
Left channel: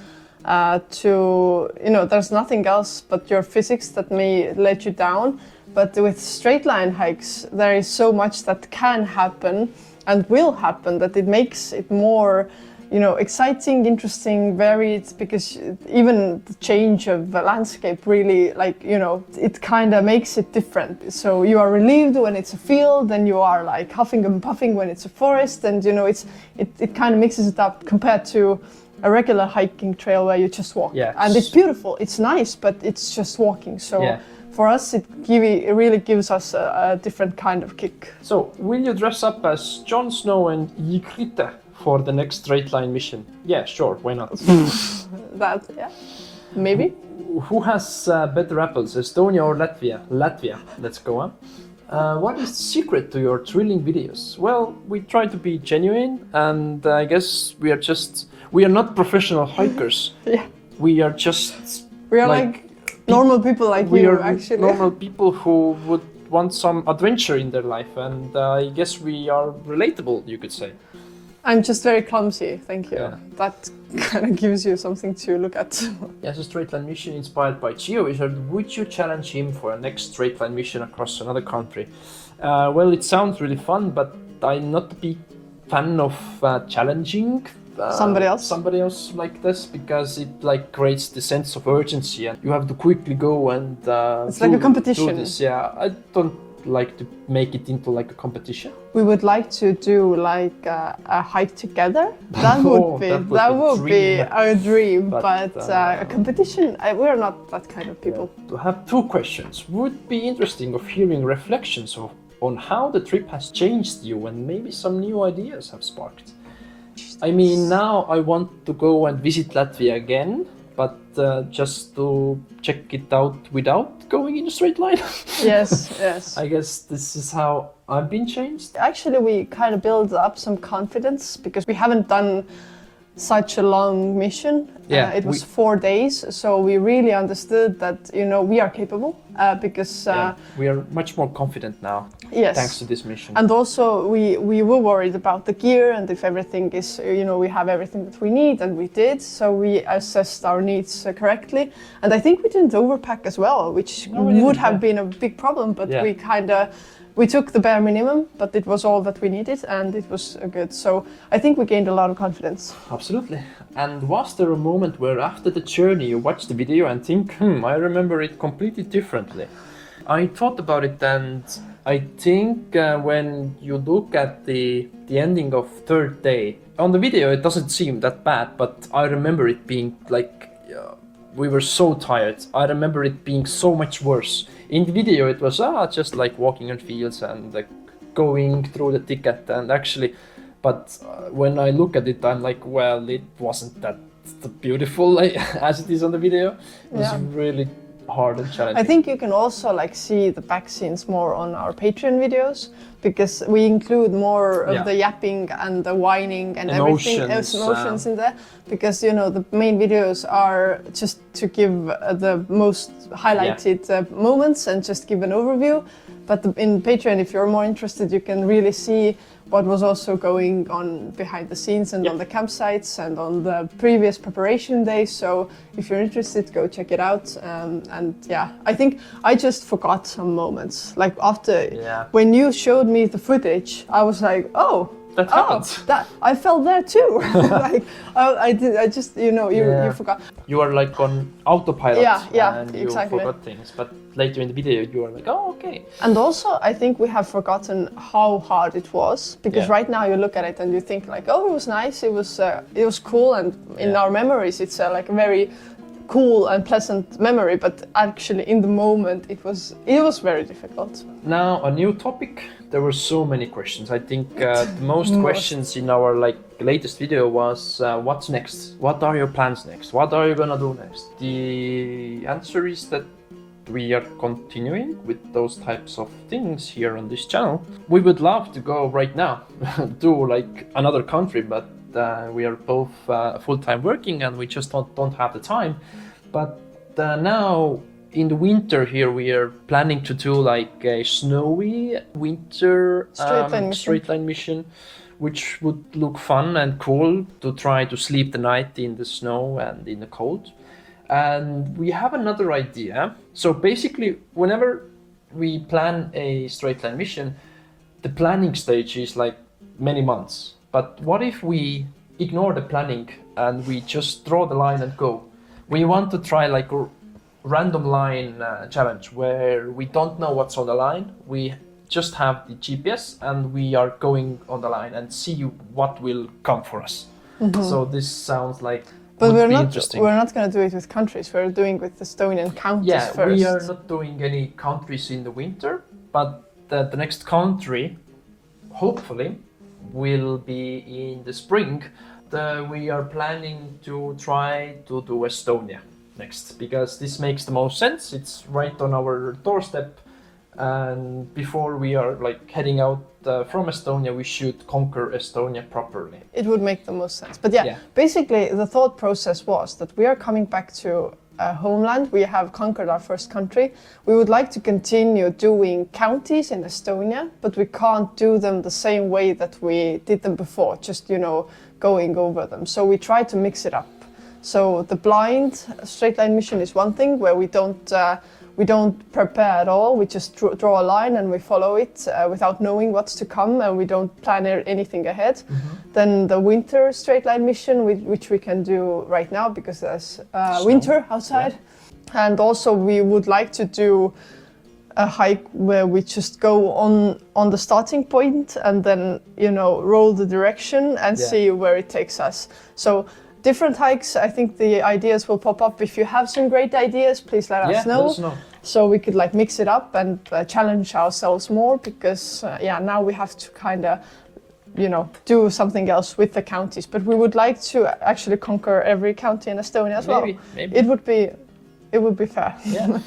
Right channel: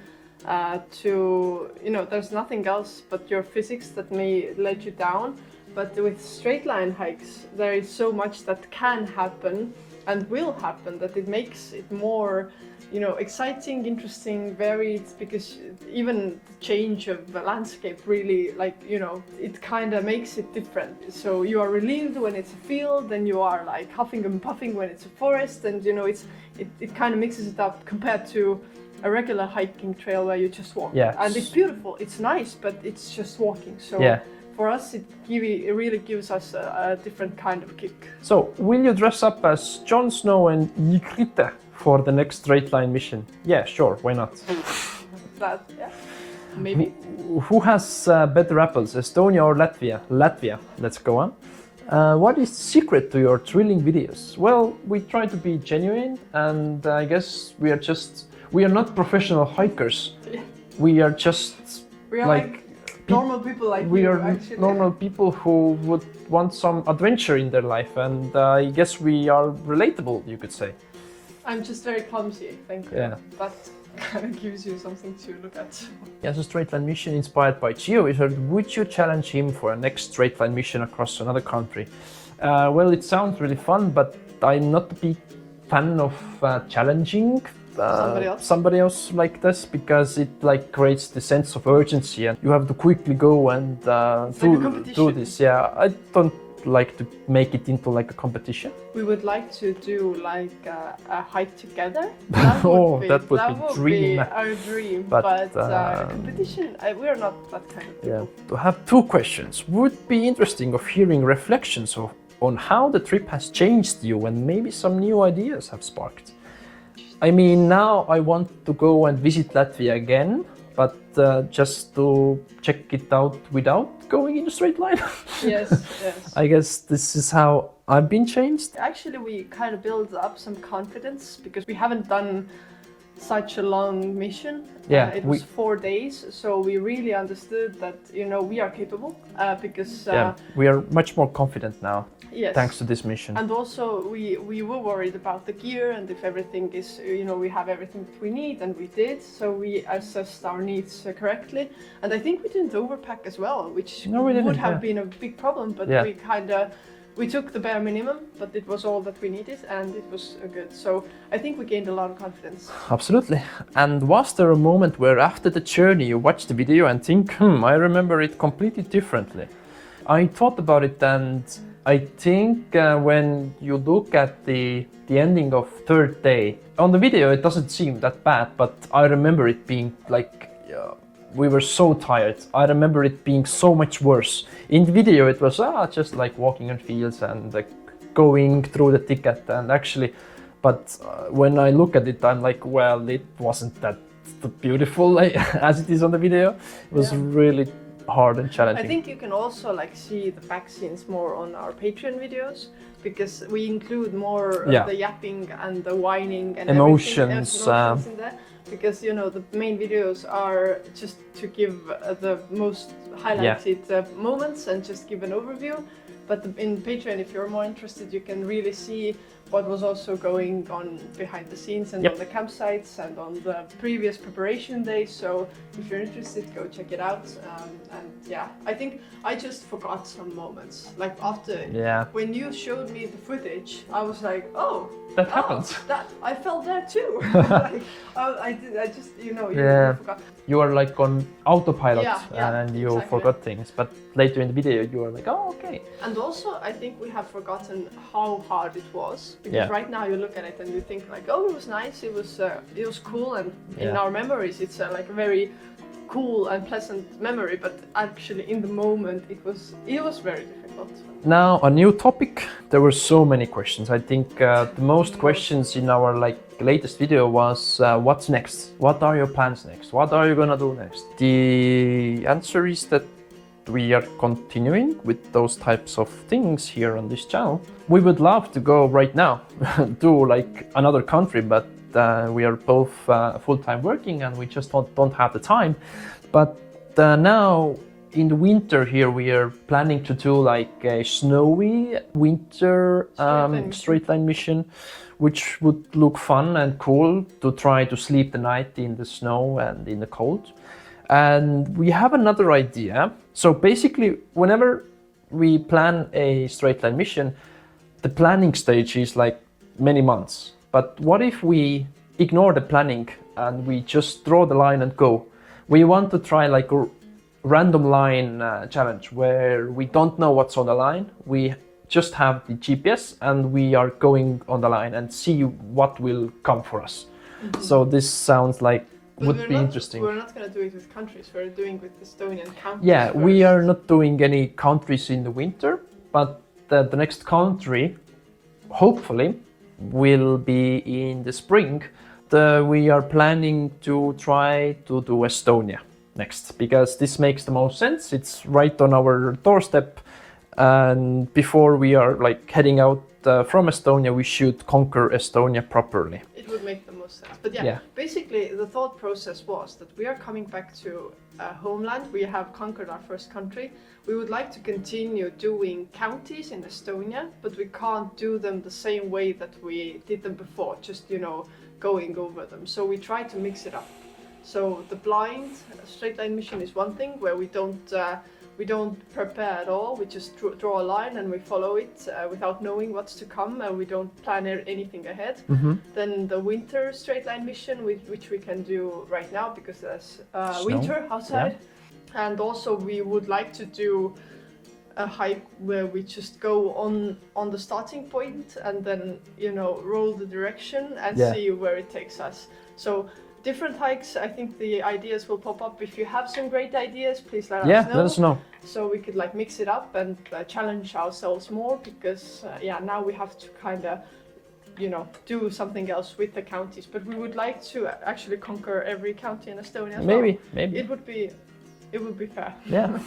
there's nothing else but your physics that may let you down. But with straight line hikes, there is so much that can happen and will happen that it makes it more, you know, exciting, interesting, varied, because even the change of the landscape really, like, you know, it kind of makes it different. So you are relieved when it's a field, and you are like huffing and puffing when it's a forest, and you know, it kind of mixes it up compared to a regular hiking trail where you just walk. Yeah. And it's beautiful, it's nice, but it's just walking. So Yeah. for us, it really gives us a different kind of kick. So, will you dress up as Jon Snow and Ygritte for the next straight line mission? Yeah, sure, why not? That, yeah, maybe. Who has better apples, Estonia or Latvia? Latvia, let's go on. What is the secret to your thrilling videos? Well, we try to be genuine, and I guess we are not professional hikers. Yeah. We are just We are like normal people like we you, are actually. normal people who would want some adventure in their life, and I guess we are relatable, you could say. I'm just very clumsy, thank you. Yeah. That kind of gives you something to look at. As a straight line mission inspired by GeoWizard, would you challenge him for a next straight line mission across another country? Well, it sounds really fun, but I'm not a big fan of challenging somebody else like this, because it like creates the sense of urgency and you have to quickly go and It's like a competition. do this. Yeah, I don't like to make it into like a competition. We would like to do like a hike together. That Oh, would be that would be be dream. our dream. But, But a competition, we're not that kind of people. To have two questions, would be interesting of hearing reflections on how the trip has changed you and maybe some new ideas have sparked. I mean, now I want to go and visit Latvia again, but just to check it out without going in a straight line. Yes, yes. I guess this is how I've been changed. Actually, we kind of build up some confidence because we haven't done such a long mission. Yeah, It was 4 days, so we really understood that, you know, we are capable because We are much more confident now, yes. thanks to this mission. And also we were worried about the gear and if everything is, you know, we have everything that we need, and we did. So we assessed our needs correctly. And I think we didn't overpack as well, which No, we didn't, would have yeah. been a big problem, but Yeah. we took the bare minimum, but it was all that we needed and it was good. So I think we gained a lot of confidence. Absolutely. And was there a moment where after the journey you watch the video and think, I remember it completely differently? I thought about it, and I think when you look at the ending of third day, on the video it doesn't seem that bad, but I remember it being like, we were so tired. I remember it being so much worse. In the video it was just like walking on fields and like going through the ticket, and actually, but when I look at it I'm like, well, it wasn't that beautiful as it is on the video. It was Yeah. really hard and challenging. I think you can also like see the back scenes more on our Patreon videos because we include more of Yeah. the yapping and the whining and Emotions, everything, emotions in there. Because, you know, the main videos are just to give the most highlighted moments and just give an overview. But in Patreon, if you're more interested, you can really see what was also going on behind the scenes and Yep. on the campsites and on the previous preparation days. So if you're interested, go check it out. And yeah, I think I just forgot some moments. Like after, when you showed me the footage, I was like, oh, that happens. that I felt there too. Like I did. I just, you know, you forgot. You are like on autopilot, Yeah, and you exactly. forgot things, but later in the video you are like, oh, okay. And also, I think we have forgotten how hard it was because Yeah. right now you look at it and you think like, oh, it was nice, it was cool, and in our memories it's like a very cool and pleasant memory. But actually, in the moment, it was very difficult. Now a new topic. There were so many questions. I think the most questions in our like latest video was what's next? What are your plans next? What are you gonna do next? The answer is that we are continuing with those types of things here on this channel. We would love to go right now to like another country, but we are both full-time working and we just don't have the time. But now in the winter here we are planning to do like a snowy winter straight line mission, which would look fun and cool to try to sleep the night in the snow and in the cold. And we have another idea. So basically, whenever we plan a straight line mission, the planning stage is like many months. But what if we ignore the planning and we just draw the line and go? We want to try like a random line challenge where we don't know what's on the line. We just have the GPS and we are going on the line and see what will come for us. Mm-hmm. So this sounds like But would be interesting. We're not going to do it with countries. We're doing with Estonian counties Yeah, first. we are not doing any countries in the winter, but the next country, hopefully, will be in the spring. We are planning to try to do Estonia next, because this makes the most sense. It's right on our doorstep, and before we are like heading out from Estonia, we should conquer Estonia properly. It would make the most sense. But yeah, basically the thought process was that we are coming back to homeland. We have conquered our first country. We would like to continue doing counties in Estonia, but we can't do them the same way that we did them before, just, you know, going over them. So we try to mix it up. So the blind straight line mission is one thing where we don't we don't prepare at all. We just draw a line and we follow it without knowing what's to come, and we don't plan anything ahead. Then the winter straight line mission, which we can do right now because there's winter outside. And also we would like to do a hike where we just go on the starting point and then, you know, roll the direction and see where it takes us. So different hikes, I think the ideas will pop up. If you have some great ideas, please let us know. Let us know. So we could like mix it up and challenge ourselves more, because now we have to kind of, you know, do something else with the counties. But we would like to actually conquer every county in Estonia as well. Maybe. It would be fair. Yeah.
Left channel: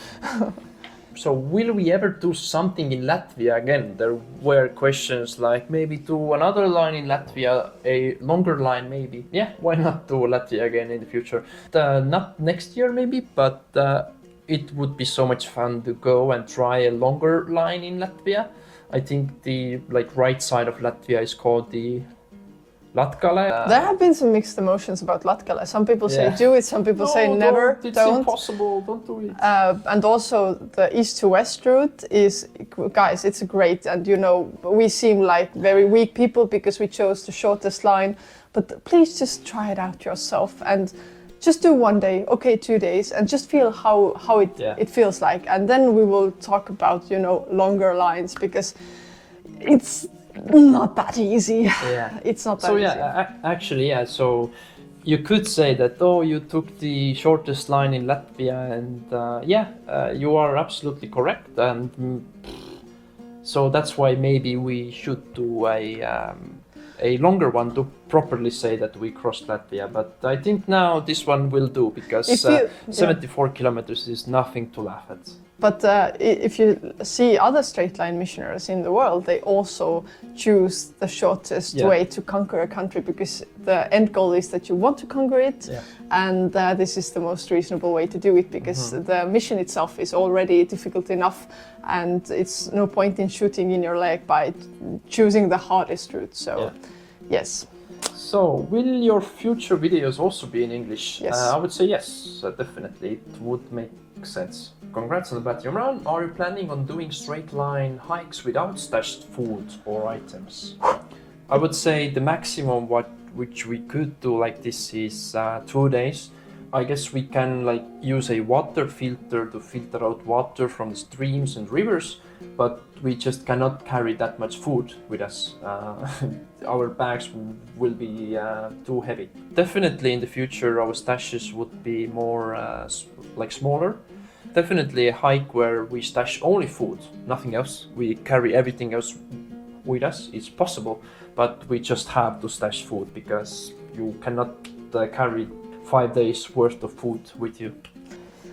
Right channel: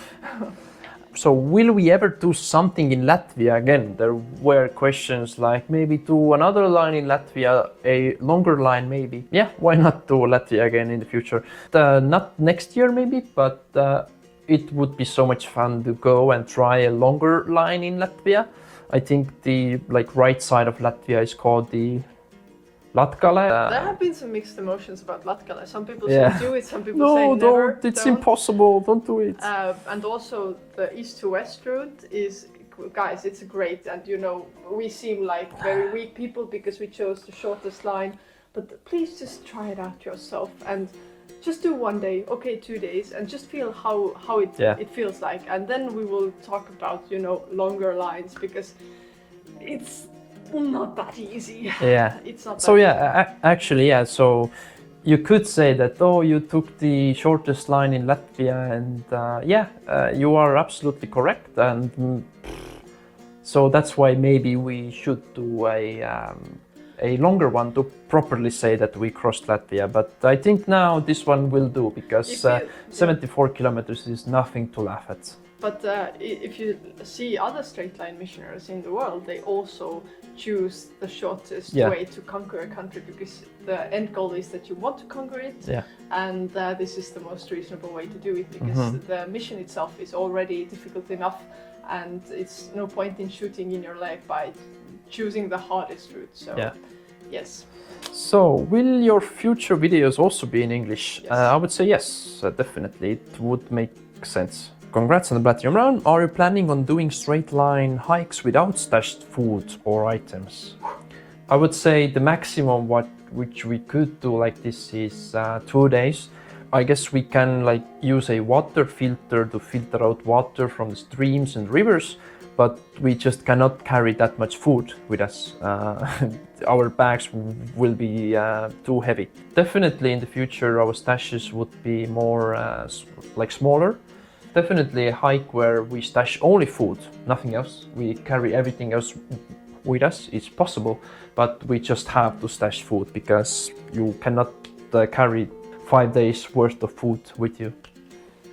So will we ever do something in Latvia again? There were questions like maybe do another line in Latvia, a longer line maybe. Yeah, why not do Latvia again in the future? Not next year maybe, but it would be so much fun to go and try a longer line in Latvia. I think the right side of Latvia is called the Latgale. There have been some mixed emotions about Latgale. Some people say do it, some people say never. It's impossible, don't do it. And also the east to west route is, guys, it's great. And you know, we seem like very weak people because we chose the shortest line. But please just try it out yourself and just do 1 day, okay, 2 days, and just feel how it feels like. And then we will talk about, you know, longer lines, because it's not that easy. Yeah. It's not that so easy. actually, so you could say that, you took the shortest line in Latvia, and you are absolutely correct. And so that's why maybe we should do a longer one to properly say that we crossed Latvia. But I think now this one will do, because 74 kilometers is nothing to laugh at. But if you see other straight line missionaries in the world, they also choose the shortest way to conquer a country, because the end goal is that you want to conquer it. Yeah. And this is the most reasonable way to do it, because the mission itself is already difficult enough, and it's no point in shooting in your leg by choosing the hardest route. So, yes. So, will your future videos also be in English? Yes. I would say yes, definitely. It would make sense. Congrats on the Platinum Run. Are you planning on doing straight line hikes without stashed food or items? I would say the maximum which we could do like this is 2 days. I guess we can use a water filter to filter out water from the streams and rivers, but we just cannot carry that much food with us. Our bags will be too heavy. Definitely in the future our stashes would be more smaller. Definitely a hike where we stash only food, nothing else. We carry everything else with us. It's possible, but we just have to stash food, because you cannot carry 5 days worth of food with you.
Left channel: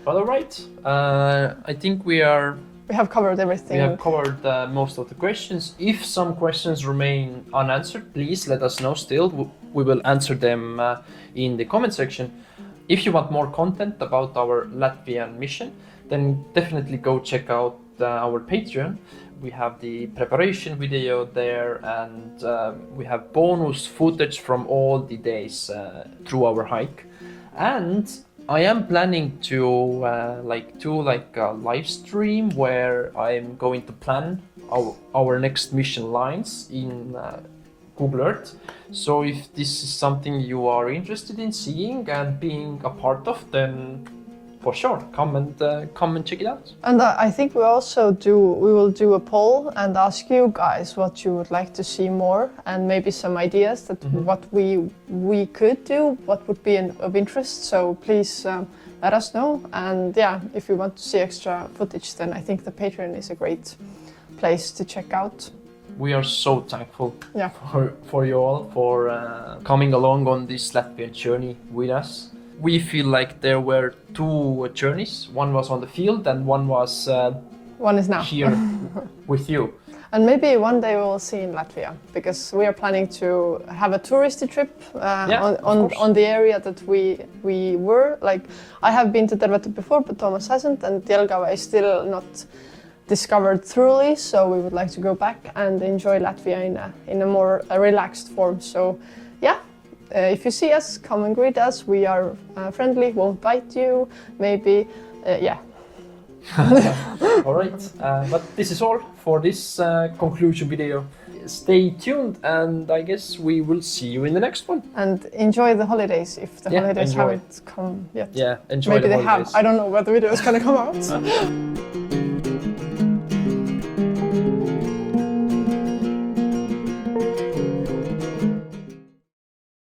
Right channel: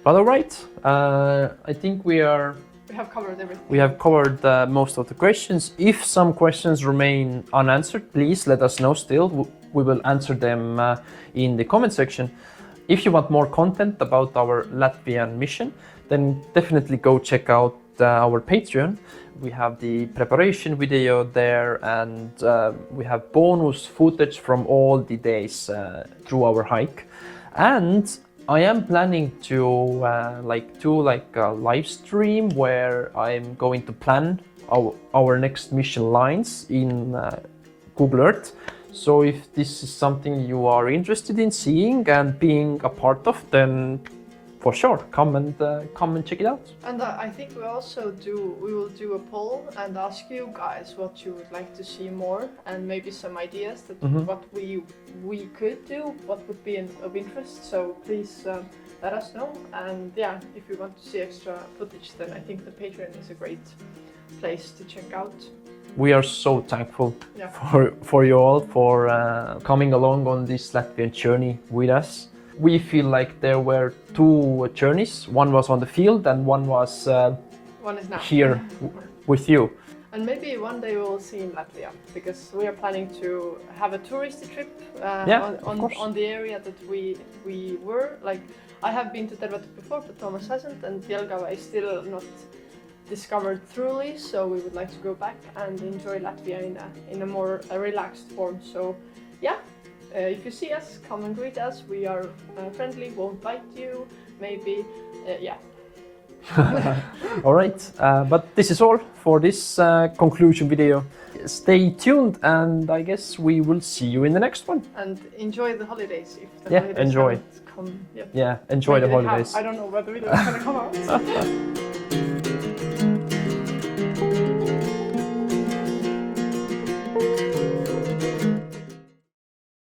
But all right, I think we have covered everything. We have covered most of the questions. If some questions remain unanswered, please let us know still. We will answer them in the comment section. If you want more content about our Latvian mission, then definitely go check out our Patreon. We have the preparation video there, and we have bonus footage from all the days through our hike. And I am planning to do a live stream where I'm going to plan our next mission lines in Google Earth. So if this is something you are interested in seeing and being a part of, then for sure, come and check it out. And I think we will do a poll and ask you guys what you would like to see more, and maybe some ideas that what we could do, what would be of interest. So please let us know. And if you want to see extra footage, then I think the Patreon is a great place to check out. We are so thankful for you all for coming along on this Latvian journey with us. We feel like there were 2 journeys. One was on the field and one was one is now here with you. And maybe one day we will see in Latvia, because we are planning to have a touristy trip on the area that we were. Like, I have been to Tervetu before, but Thomas hasn't, and Jelgava is still not discovered thoroughly, so we would like to go back and enjoy Latvia in a more relaxed form. So if you see us, come and greet us. We are friendly, won't bite you, maybe, All right, but this is all for this conclusion video. Stay tuned, and I guess we will see you in the next one. And enjoy the holidays if the Yeah, holidays enjoy. haven't come yet. Yeah, enjoy Maybe the they holidays. have. I don't know when the video is going to come out.